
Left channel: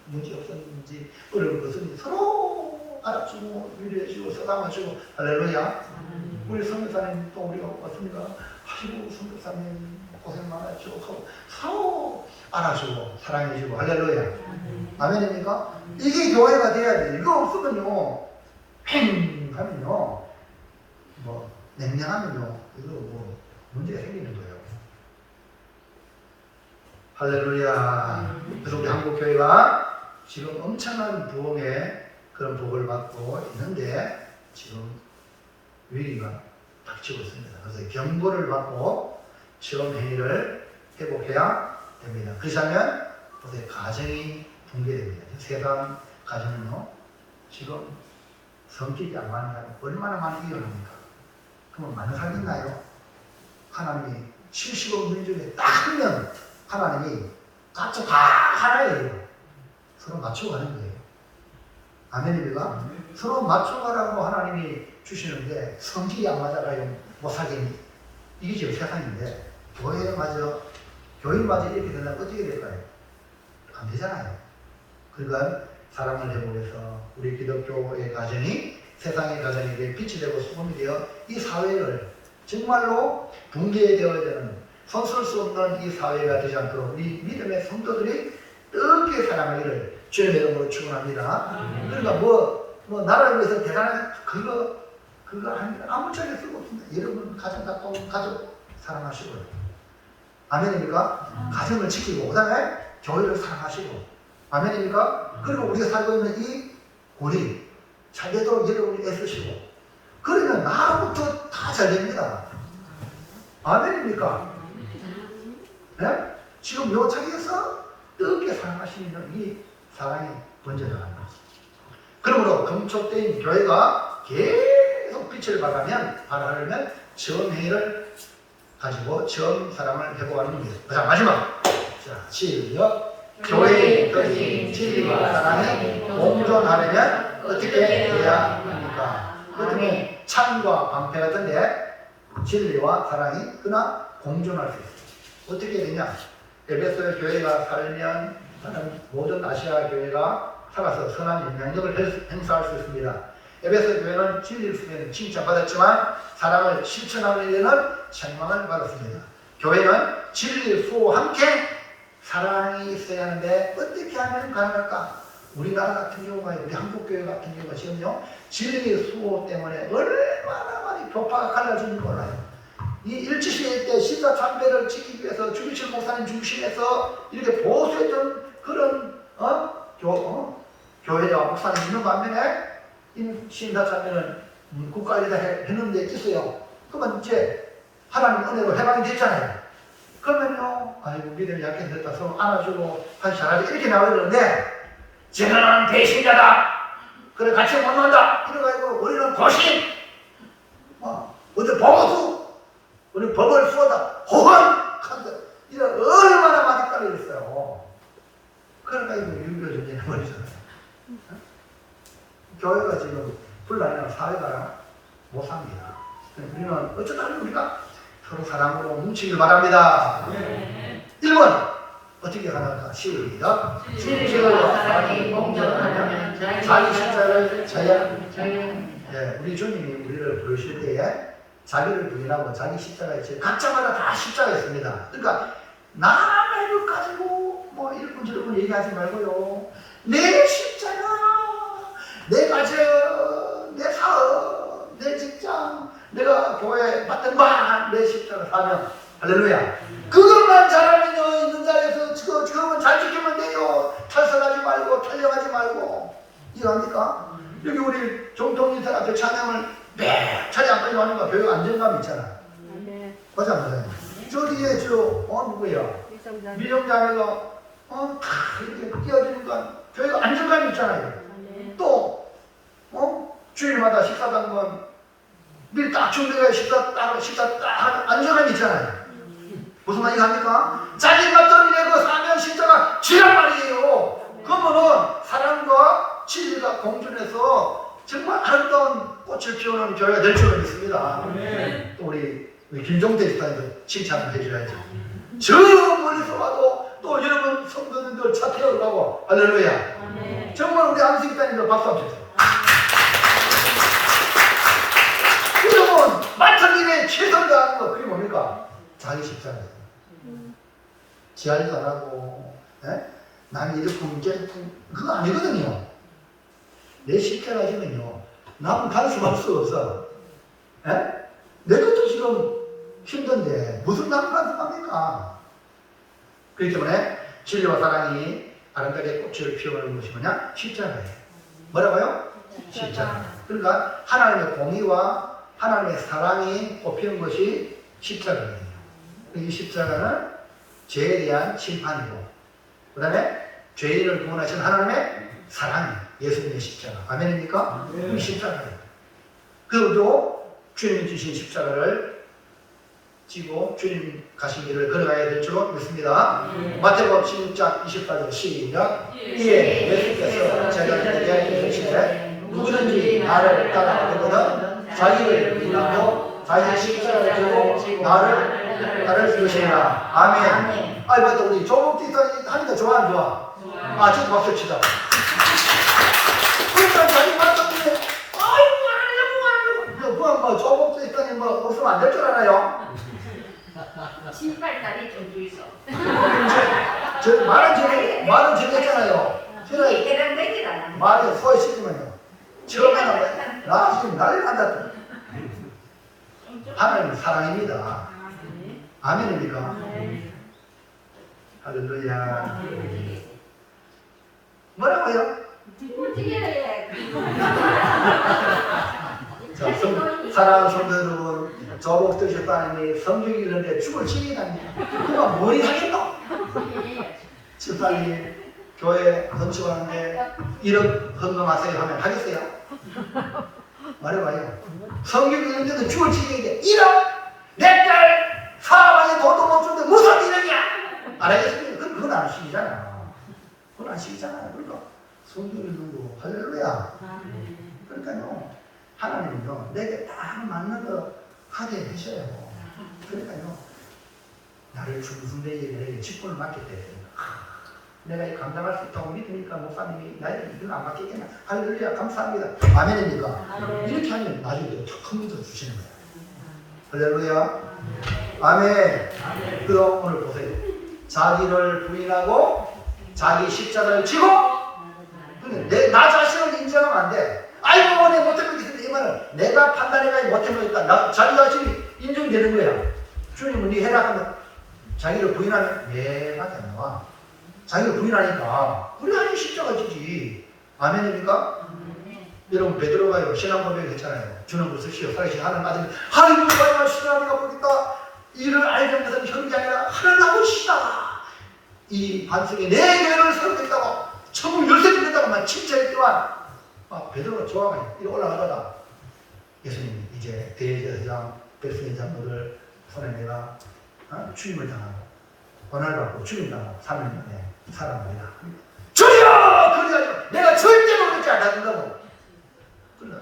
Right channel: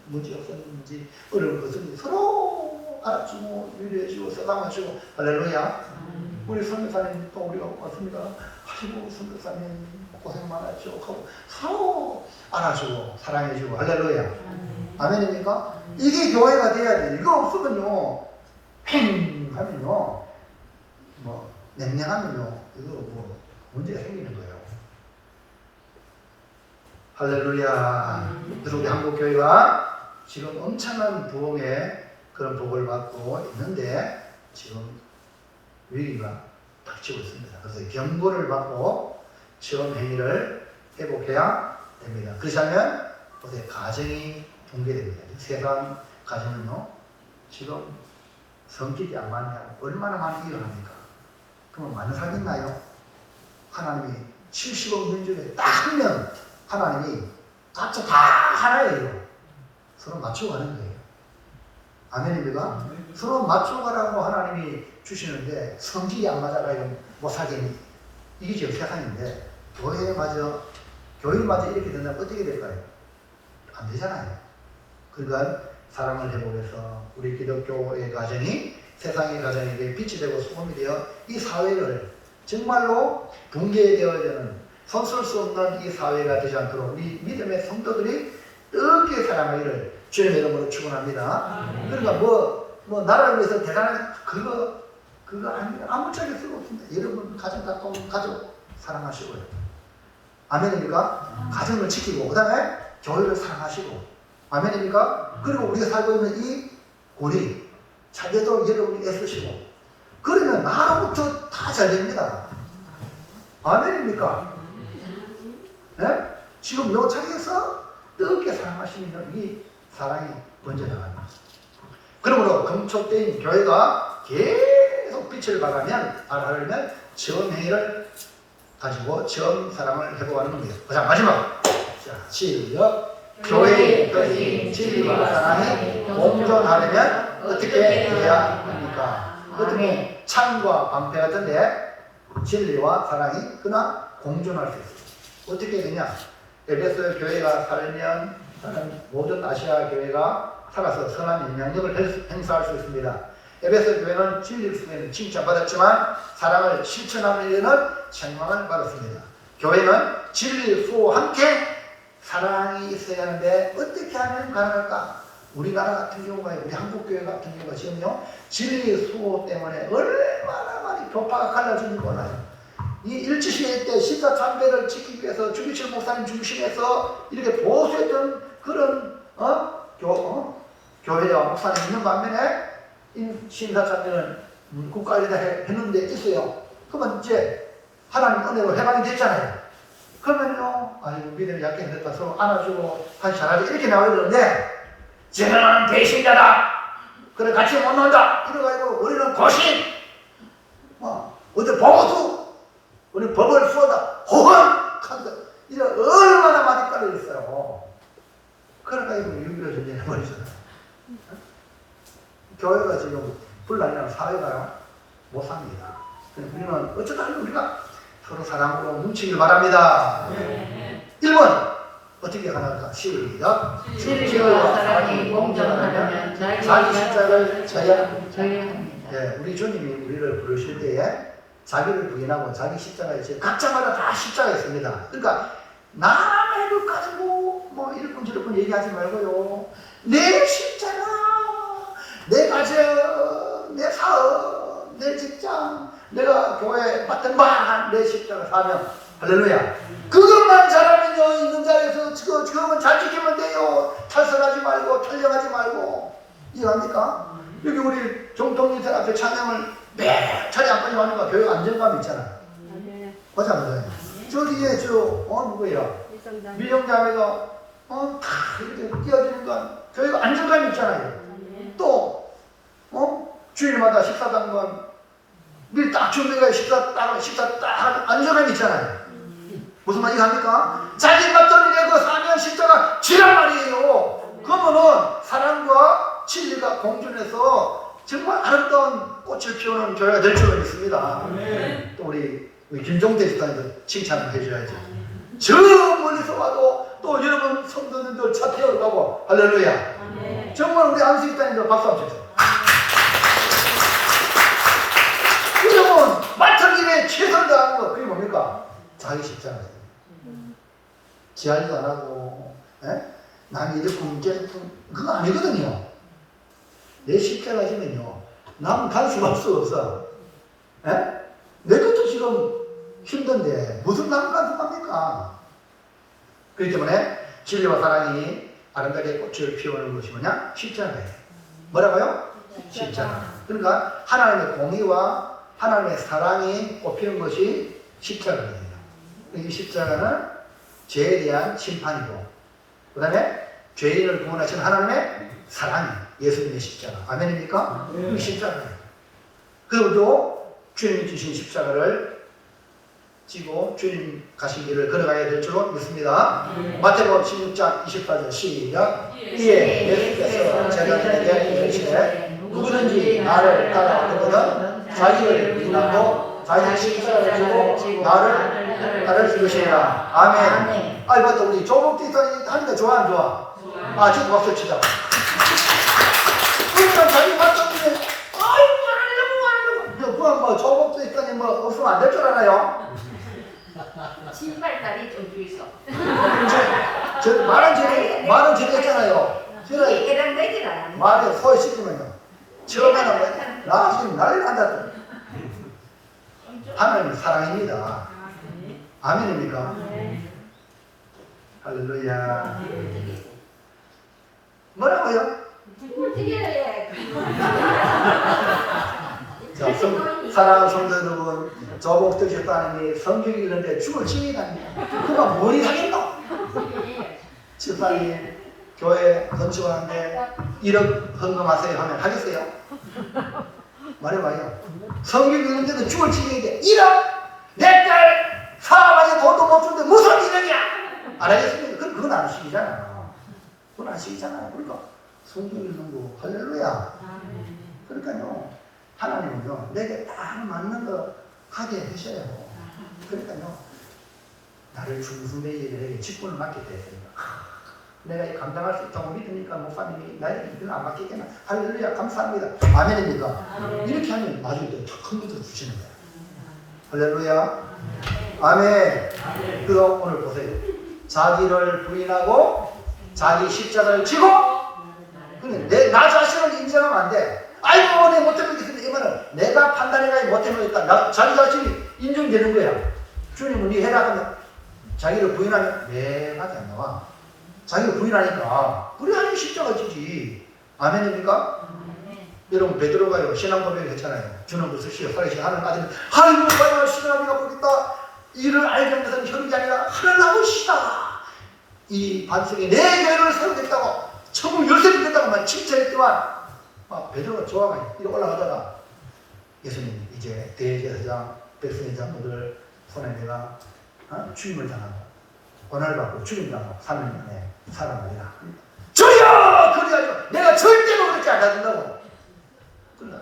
문제 없었는지 어려운 것은 서로 알아주고 위로해주고 써담아주고 할렐루야. 우리 선교사님 또 우리가 왔습니다. 아이고 선교사님 고생 많았죠 하고 서로 알아주고 사랑해주고 할렐루야. 아멘입니까? 이게 교회가 돼야 돼. 이거 없으면요 팽 하면요 뭐 냉랭하면요 이거 뭐 문제가 생기는 거예요. 할렐루야. 그래서 우리 한국교회가 지금 엄청난 부흥의 그런 복을 받고 있는데 지금 위기가 닥치고 있습니다. 그래서 경고를 받고 처음 행위를 회복해야 됩니다. 그렇지 않으면 보세요. 가정이 붕괴됩니다. 세상 가정은요 지금 성질이 안 맞나요? 얼마나 많이 일어납니까? 그러면 많이 살겠나요? 하나님이 70억 민족에 딱 한 명 하나님이 각자 다 하나예요. 서로 맞춰가는 거예요. 아멘입니까? 서로 맞춰가라고 하나님이 주시는데 성질이 안 맞아가지고 못 살겠니? 이게 지금 세상인데 교회마저 이렇게 된다면 어떻게 될까요? 안 되잖아요. 그러니까 사랑을 회복해서 우리 기독교의 가정이 세상의 가정에게 빛이 되고 소금이 되어 이 사회를 정말로 붕괴되어야 되는 손쓸 수 없는 이 사회가 되지 않도록 우리 믿음의 성도들이 뜨겁게 사랑하기를 주의 이름으로 축원합니다. 그러니까 뭐 나라를 위해서 대단한 그거 아무짝에 쓸 없습니다. 여러분 가정 가까운 가족 사랑하시고요. 아멘입니까? 가정을 지키고 그 다음에 교회를 사랑하시고 아멘입니까? 그리고 우리가 살고 있는 이 고리 잘 되도록 여러분이 애쓰시고 그러면 나부터 다 잘 됩니다. 아멘입니까? 네? 지금 요 자리에서 뜨겁게 사랑하시는 이 사랑이 번져나갑니다. 그러므로 금촉대인 교회가 계속 빛을 발하면 처음 행위를 가지고 처음 사랑을 회복하는 겁니다. 자, 마지막. 자, 시작. 교회의 것이 진리와 사랑이 공존하려면 어떻게 해야 합니까? 그렇다면 창과 방패 같은데 진리와 사랑이 그나 공존할 수 있습니다. 어떻게 해야 되냐? 에베소 교회가 살면 모든 아시아 교회가 살아서 선한 영향력을 행사할 수 있습니다. 에베소 교회는 진리 속에는 칭찬받았지만 사랑을 실천하는 일에는 책망을 받았습니다. 교회는 진리 수호와 함께 사랑이 있어야 하는데 어떻게 하면 가능할까? 우리나라 같은 경우가 우리 한국교회 같은 경우가 지금요 진리 수호 때문에 얼마나 많이 교파가 갈라진지 몰라요. 이 일제시대 때 십자참배를 지키기 위해서 주기철 목사님 중심에서 이렇게 보수했던 그런 교회와 목사님 있는 반면에 신사참배는 국가에다 했는데 있어요. 그러면 이제 하나님 은혜로 해방이 됐잖아요. 그러면요, 아이고 믿음이 약해졌다 서로 안아주고 같이 잘하지 이렇게 나와야 되는데 쟤는 배신자다. 그래 같이 못 논다. 이래가지고 우리는 고신, 어디 보고수, 우리 법을 쏘다 호헌 이런 얼마나 많이 깔려 있어요. 그러니까 이거 6.25 전쟁이 버리잖아요. 교회가 지금 불나면 사회가 못 삽니다. 우리는 어쩌다 우리가 서로 사랑으로 뭉치길 바랍니다. 1번 어떻게 하는가? 시작. 진리와 사랑이 공존하면 자기 십자가를 져야 합니다. 우리 주님이 우리를 부르실 때에 자기를 부인하고 자기 십자가에 져 각자마다 다 십자가 있습니다. 그러니까 남의 것 가지고 뭐 이렇군 저렇군 얘기하지 말고요. 내 십자가, 내 가정, 내 사업, 내 직장, 내가 교회에 받던 바, 내 십자가 사명. 할렐루야. 그것만 잘하면요, 있는 자리에서 그것만 잘 지키면 돼요. 탈선하지 말고, 탈령하지 말고. 이해합니까? 여기 우리 정통인생 앞에 찬양을 매차례 안 빨리 하니까 교회 안정감이 있잖아요. 맞아, 맞아요. 저 뒤에 누구야? 미정자매가, 이렇게 뛰어주니까 교회가 안정감이 있잖아요. 또, 주일마다 식사당건 미리 딱 준비가 식사 딱 안정감이 있잖아요. 무슨 말인지 합니까? 자기 맞던 내고 사면 십자가 지란 말이에요. 그러면은 사랑과 진리가 공존해서 정말 아름다운 꽃을 피우는 교회가 될 줄은 믿습니다. 또 우리 김종대 집사님도 칭찬을 해줘야죠. 저 멀리서 와도 또 여러분 성도님들 찾아오려고 할렐루야. 정말 우리 안식 집사님들 박수 한번 주세요. 여러분 맡은 일에 최선 다하는 거 그게 뭡니까? 자기 십자가예요. 지하리도 안 하고 남이 이렇게 깨끗한 그거 아니거든요. 내 십자가 지면요 남은 간섭할 수 없어. 내 것도 지금 힘든데 무슨 남은 간섭합니까? 그렇기 때문에 진리와 사랑이 아름답게 꽃을 피우는 것이 뭐냐? 십자가예요. 뭐라고요? 십자가. 그러니까 하나님의 공의와 하나님의 사랑이 꽃피는 것이 십자가예요. 이 십자가는 죄에 대한 심판이고 그 다음에 죄인을 구원하시는 하나님의 사랑이 예수님의 십자가. 아멘입니까? 이 십자가예요. 그리고 주님 주신 십자가를 지고 주님 가신 길을 걸어가야 될 줄로 믿습니다. 마태복음 16장 24절 시작. 이에 예수께서 제자들에게 이르시되 누구든지 나를 따라오거든 자기를 부인하고 자기 십자가를 지고 나를 따를 것이라. 아멘. 아이 맞다 우리 조국 뒤에 하니까 좋아 안 좋아? 저도 박수 치자. 그냥 자기 맞췄는데 아이고 말하려고 그냥 뭐 조국도 있더니 뭐 없으면 안 될 줄 알아요. 신발다리 좀 주이소. 저 말은 저랬잖아요. 제가 얘랑 내질 않아. 말에 소리 시키면요. 처음에는 나 지금 난리 난다. 하나님은 사랑입니다. 아멘입니까? 할렐루야. 뭐라고요? 자, 사랑하는 성도 여러분, 저복 드셨다니 성경이 이런데 죽을 지이다니 그가 뭘 하겠노? 집사님 교회 건축하는데 1억 헌금하세요 하면 하겠어요? 말해봐요. 성경이 이런데도 죽을 지이는데 1억? 내 딸 사람한테 돈도 못 주는데 무슨 1억이야? 안 하겠습니까? 그건 안 하시잖아요. 그건 안 하시잖아요. 그러니까 성경이 있는 거 할렐루야. 그러니까요. 하나님은요, 내게 딱 맞는 거 하게 해주셔요. 그러니까요, 나를 죽은 내일에 직분을 맡게 돼요. 내가 감당할 수 있다고 믿으니까 목사님이 나에게 이걸 안 맡기겠나? 할렐루야, 감사합니다. 아멘입니까? 이렇게 하면 나중에 더 큰 것도 주시는 거예요. 할렐루야. 아멘. 그럼 오늘 보세요. 자기를 부인하고 자기 십자가를 지고 나 자신을 인정하면 안 돼. 아이고 내가 못해보겠다. 이 말은 내가 판단해가 못해보겠다. 자기 자신이 인정되는 거야. 주님은 네 해라 하면 자기를 부인하면 내밖에 안 나와. 자기를 부인하니까 우리 하나님 십자가 지지. 아멘입니까? 여러분 베드로가요 신앙 고백을 했잖아요. 주는 무엇이요 살아계신 하나님 아들 하나님을 신앙이가 보겠다. 이를 알게 것은 혈육이 아니라 하나님 아버지시다. 이 반석에 내 교회를 세우겠다고 천국 열쇠를 냈다고만 칭찬했지만 베드로가 좋아가요. 이리 올라가다가 예수님 이제 대제사장 백성의 장로를 손에 내가 주임을 당하고 권한을 받고 주임 당하고 3년 만에 살아나리라. 주여! 그래가지고 내가 절대로 그렇게 안 하는다고. 그러나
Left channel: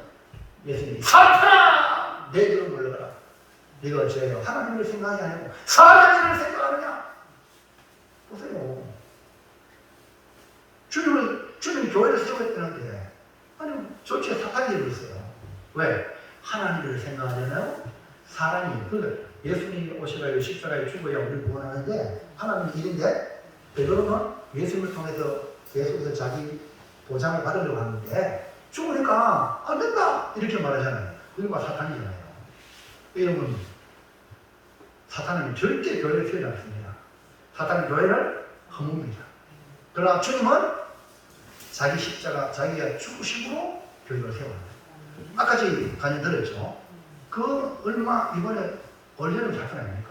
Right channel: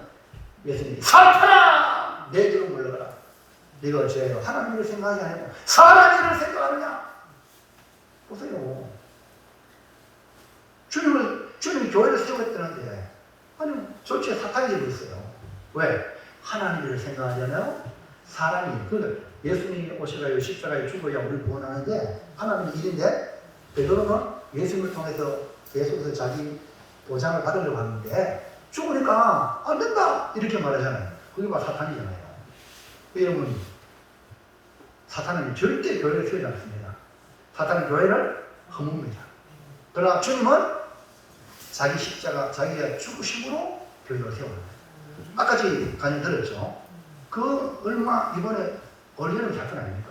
예수님이 사탄아! 내 길을 물러가라. 네가 죄요. 하나님을 생각이 아니고 사람 일을 생각하느냐? 보세요. 주님이 교회를 세우겠다는데 아니 저쪽에 사탄이 되고 있어요. 왜? 하나님을 생각하잖아요. 사람이 그러니까 예수님이 오셔가지고 십자가에 죽어야 우리 구원하는데 하나님은 일인데 베드로는 예수님을 통해서 계속해서 자기 보장을 받으려고 하는데 죽으니까 안 된다 이렇게 말하잖아요. 그러니까 사탄이잖아요. 여러분 사탄은 절대 교회를 세우지 않습니다. 사탄은 교회를 허뭅니다. 그러나 주님은 자기 십자가, 자기가 죽으심으로 교회를 세워요. 아까 저희 강의 들었죠? 그 얼마 이번에 올리는 사건 아닙니까?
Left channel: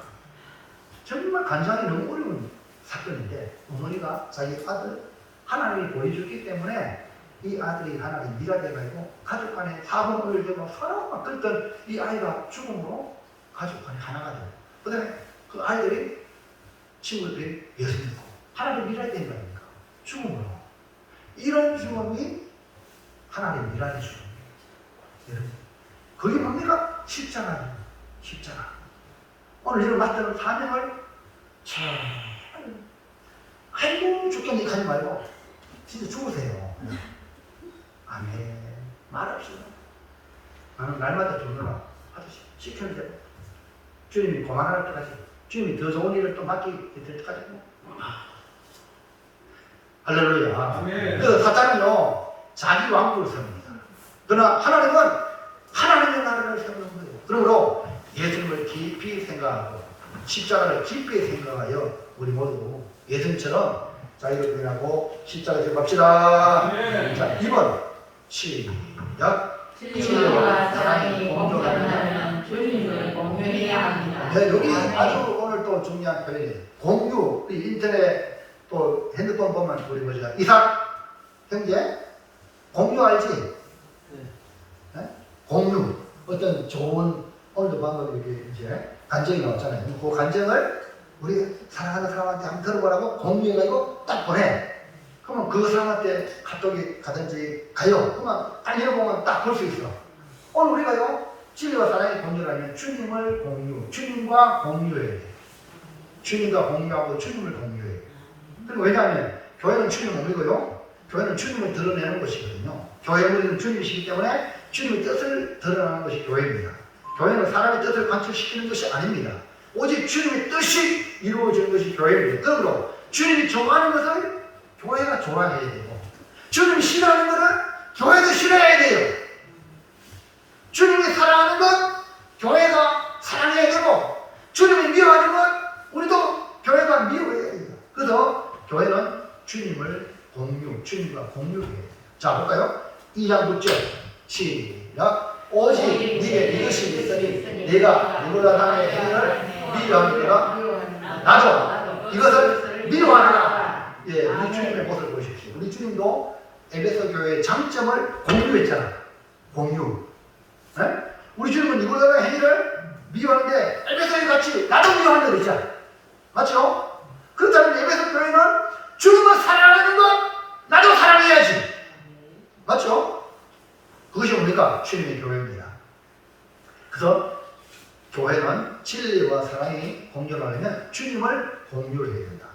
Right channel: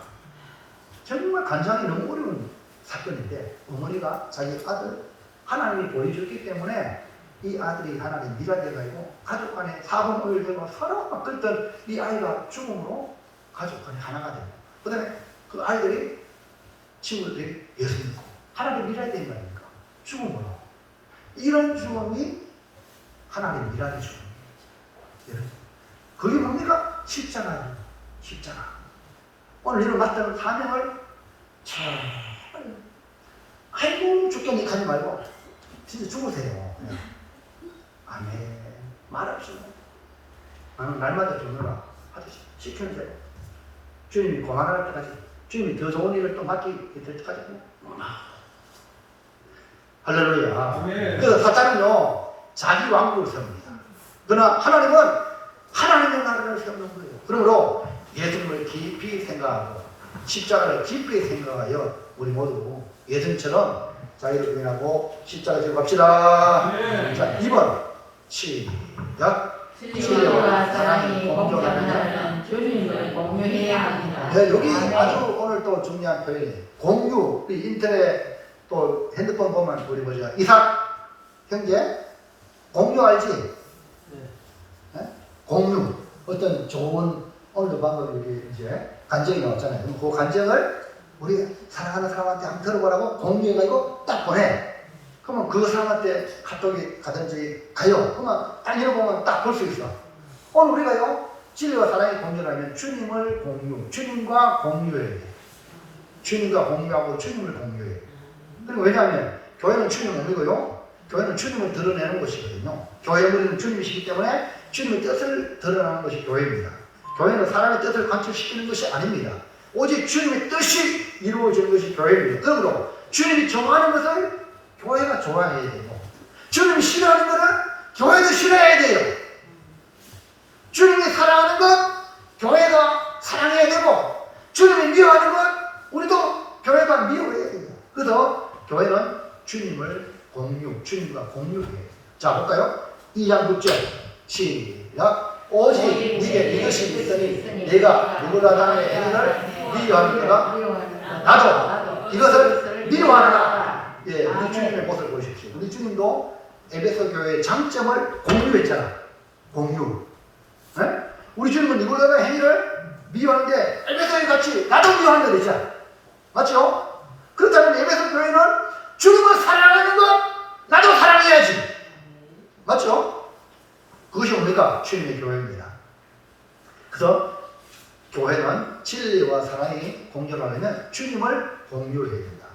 정말 간장이 너무 어려운 사건인데 어머니가 자기 아들 하나님이 보여줬기 때문에 이 아들이 하나님 미라되어가지고 가족 간에 사분을 되고 서로 막 그랬던 이 아이가 죽음으로 가족 간에 하나가 돼요. 그 다음에 그 아이들이 친구들이 예수 믿고 하나님 미라되는 거 아닙니까? 죽음으로. 이런 죽음이 하나님 미라의 죽음이에요. 그게 뭡니까? 십자가예요. 십자가. 오늘 이런 맡은 사명을 잘 아이고 죽겠니 하지 말고 진짜 죽으세요. 아멘. 말없이 나는 날마다 죽느라 하듯이 시켜주세요. 주님이 고만할 때까지 주님이 더 좋은 일을 또 맡기 될 때까지 할렐루야. 그래서 사탄은요 자기 왕국을 세웁니다. 그러나 하나님은 하나님의 나라를 세우는 거예요. 그러므로 예수님을 깊이 생각하고 십자가를 깊이 생각하여 우리 모두 예수님처럼 자기를 부인하고 십자가에 지고 갑시다. 자, 2번 시작. 진리와 사랑이 공존하는 주님을 공유해야 합니다. 네, 여기 아주 오늘 또 중요한 표현이 공유. 인터넷 또 핸드폰 보면 우리 보자. 이삭 형제 공유 알지? 네? 공유. 어떤 좋은 오늘도 방금 여기 이제 간증이 나왔잖아요. 그 간증을 우리 사랑하는 사람한테 한번 들어보라고 공유해가지고 딱 보내. 그러면 그 사람한테 카톡이 가든지 가요. 그러면 딱 읽어보면 딱 볼 수 있어. 오늘 우리가요 진리와 사랑이 공존하면 주님을 공유, 주님과 공유해야 돼. 주님과 공유하고 주님을 공유해. 그리고 왜냐하면 교회는 주님을 모이고요. 교회는 주님을 드러내는 곳이거든요. 교회 무리는 주님이시기 때문에 주님의 뜻을 드러내는 것이 교회입니다. 교회는 사람의 뜻을 관철시키는 것이 아닙니다. 오직 주님의 뜻이 이루어지는 것이 교회입니다. 그러므로 주님이 좋아하는 것을 교회가 좋아해야 되고, 주님이 싫어하는 것은 교회도 싫어해야 돼요. 주님이 사랑하는 것 교회가 사랑해야 되고, 주님을 미워하는 것 우리도 교회가 미워해야 돼요. 그래서 교회는 주님과 공유해야 돼요. 자, 볼까요? 2장 9절 시작. 오직 네게 이것이 있으니 네가 누구라당의 행위를 미워하느니라. 나도 이것을 미워하노라. 예, 우리 주님의 모습을 보십시오. 우리 주님도 에베소 교회의 장점을 공유했잖아. 공유. 네? 우리 주님은 누구라당의 행위를 미워하는데 에베소에 같이 나도 미워하는 거 되잖아. 맞죠? 그렇다면 에베소 교회는 주님을 사랑하는 것 나도 사랑해야지. 맞죠? 그것이 뭡니까? 주님의 교회입니다. 그래서 교회는 진리와 사랑이 공존하려면 주님을 공유해야 된다.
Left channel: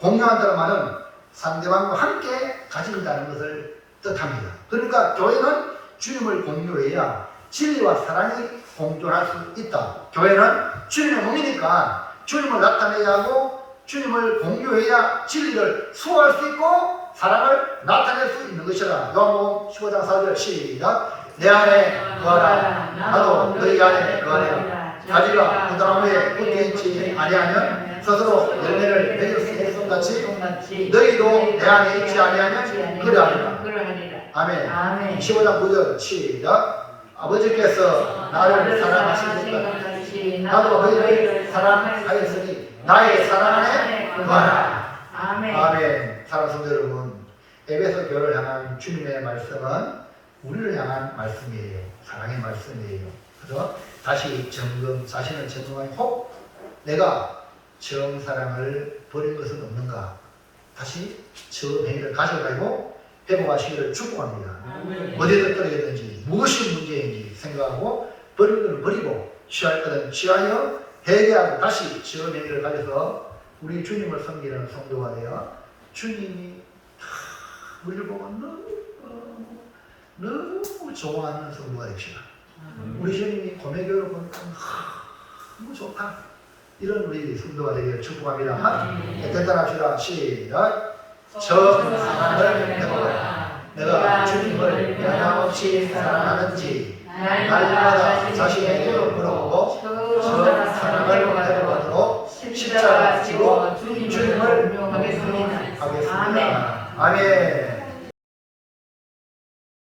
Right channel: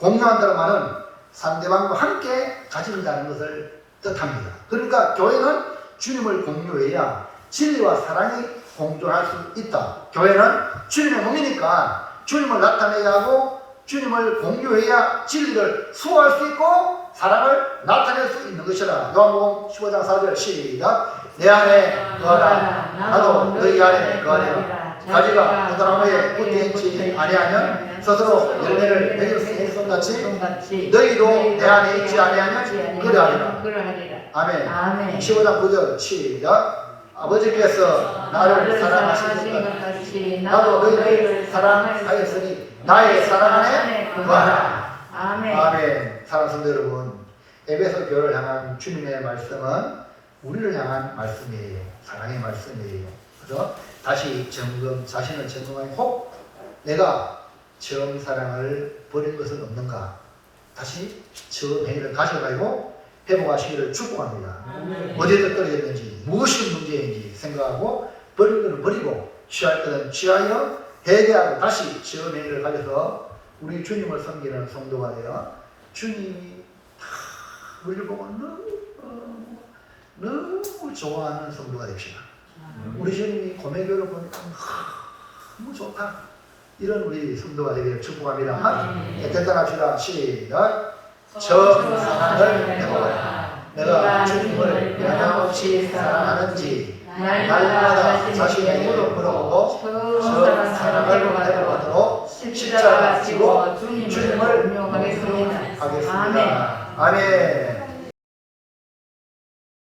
공유한다는 말은 상대방과 함께 가진다는 것을 뜻합니다. 그러니까 교회는 주님을 공유해야 진리와 사랑이 공존할 수 있다. 교회는 주님의 몸이니까 주님을 나타내야 하고 주님을 공유해야 진리를 수호할 수 있고 사랑을 나타낼 수 있는 것이라. 요한복음 15장 4절 시작. 내 안에 거하라 나도 너희 안에 거하리라. 가지가 무다람에 붙어있지 아니하면 스스로 열매를 맺을 수 없음 같이 너희도 내 안에 있지 아니하면 그러하리라. 아멘. 15장 9절 시작. 아버지께서 나를 사랑하신 것 같이 나도 너희를 사랑하였으니 나의 사랑 안에 거하라. 아멘. 사랑하는 성도 여러분, 에베소 교회를 향한 주님의 말씀은 우리를 향한 말씀이에요. 사랑의 말씀이에요. 그래서 다시 자신을 점검하고 혹 내가 처음 사랑을 버린 것은 없는가? 다시 처음 행위를 가져가고 회복하시기를 축복합니다. 어디에 떨어졌는지 무엇이 문제인지 생각하고 버릴 것은 버리고 취할 것은 취하여 회개하고 다시 처음 행위를 가져서 우리 주님을 섬기는 성도가 되어 주님이 다 우리를 보고 너무 좋아하는 성도가 됩시다. 우리 주님이 고매교를 보니까 너무 좋다. 이런 우리 성도가 되기를 축복합니다. 결단합시다. 시작. 저 사랑을 해보라. 내가 주님을 변함없이 사랑하는지 날마다 자신에게로 물어보고 저 사랑을 해보도록 십자가 지고 주님을 하겠습니다. 아멘.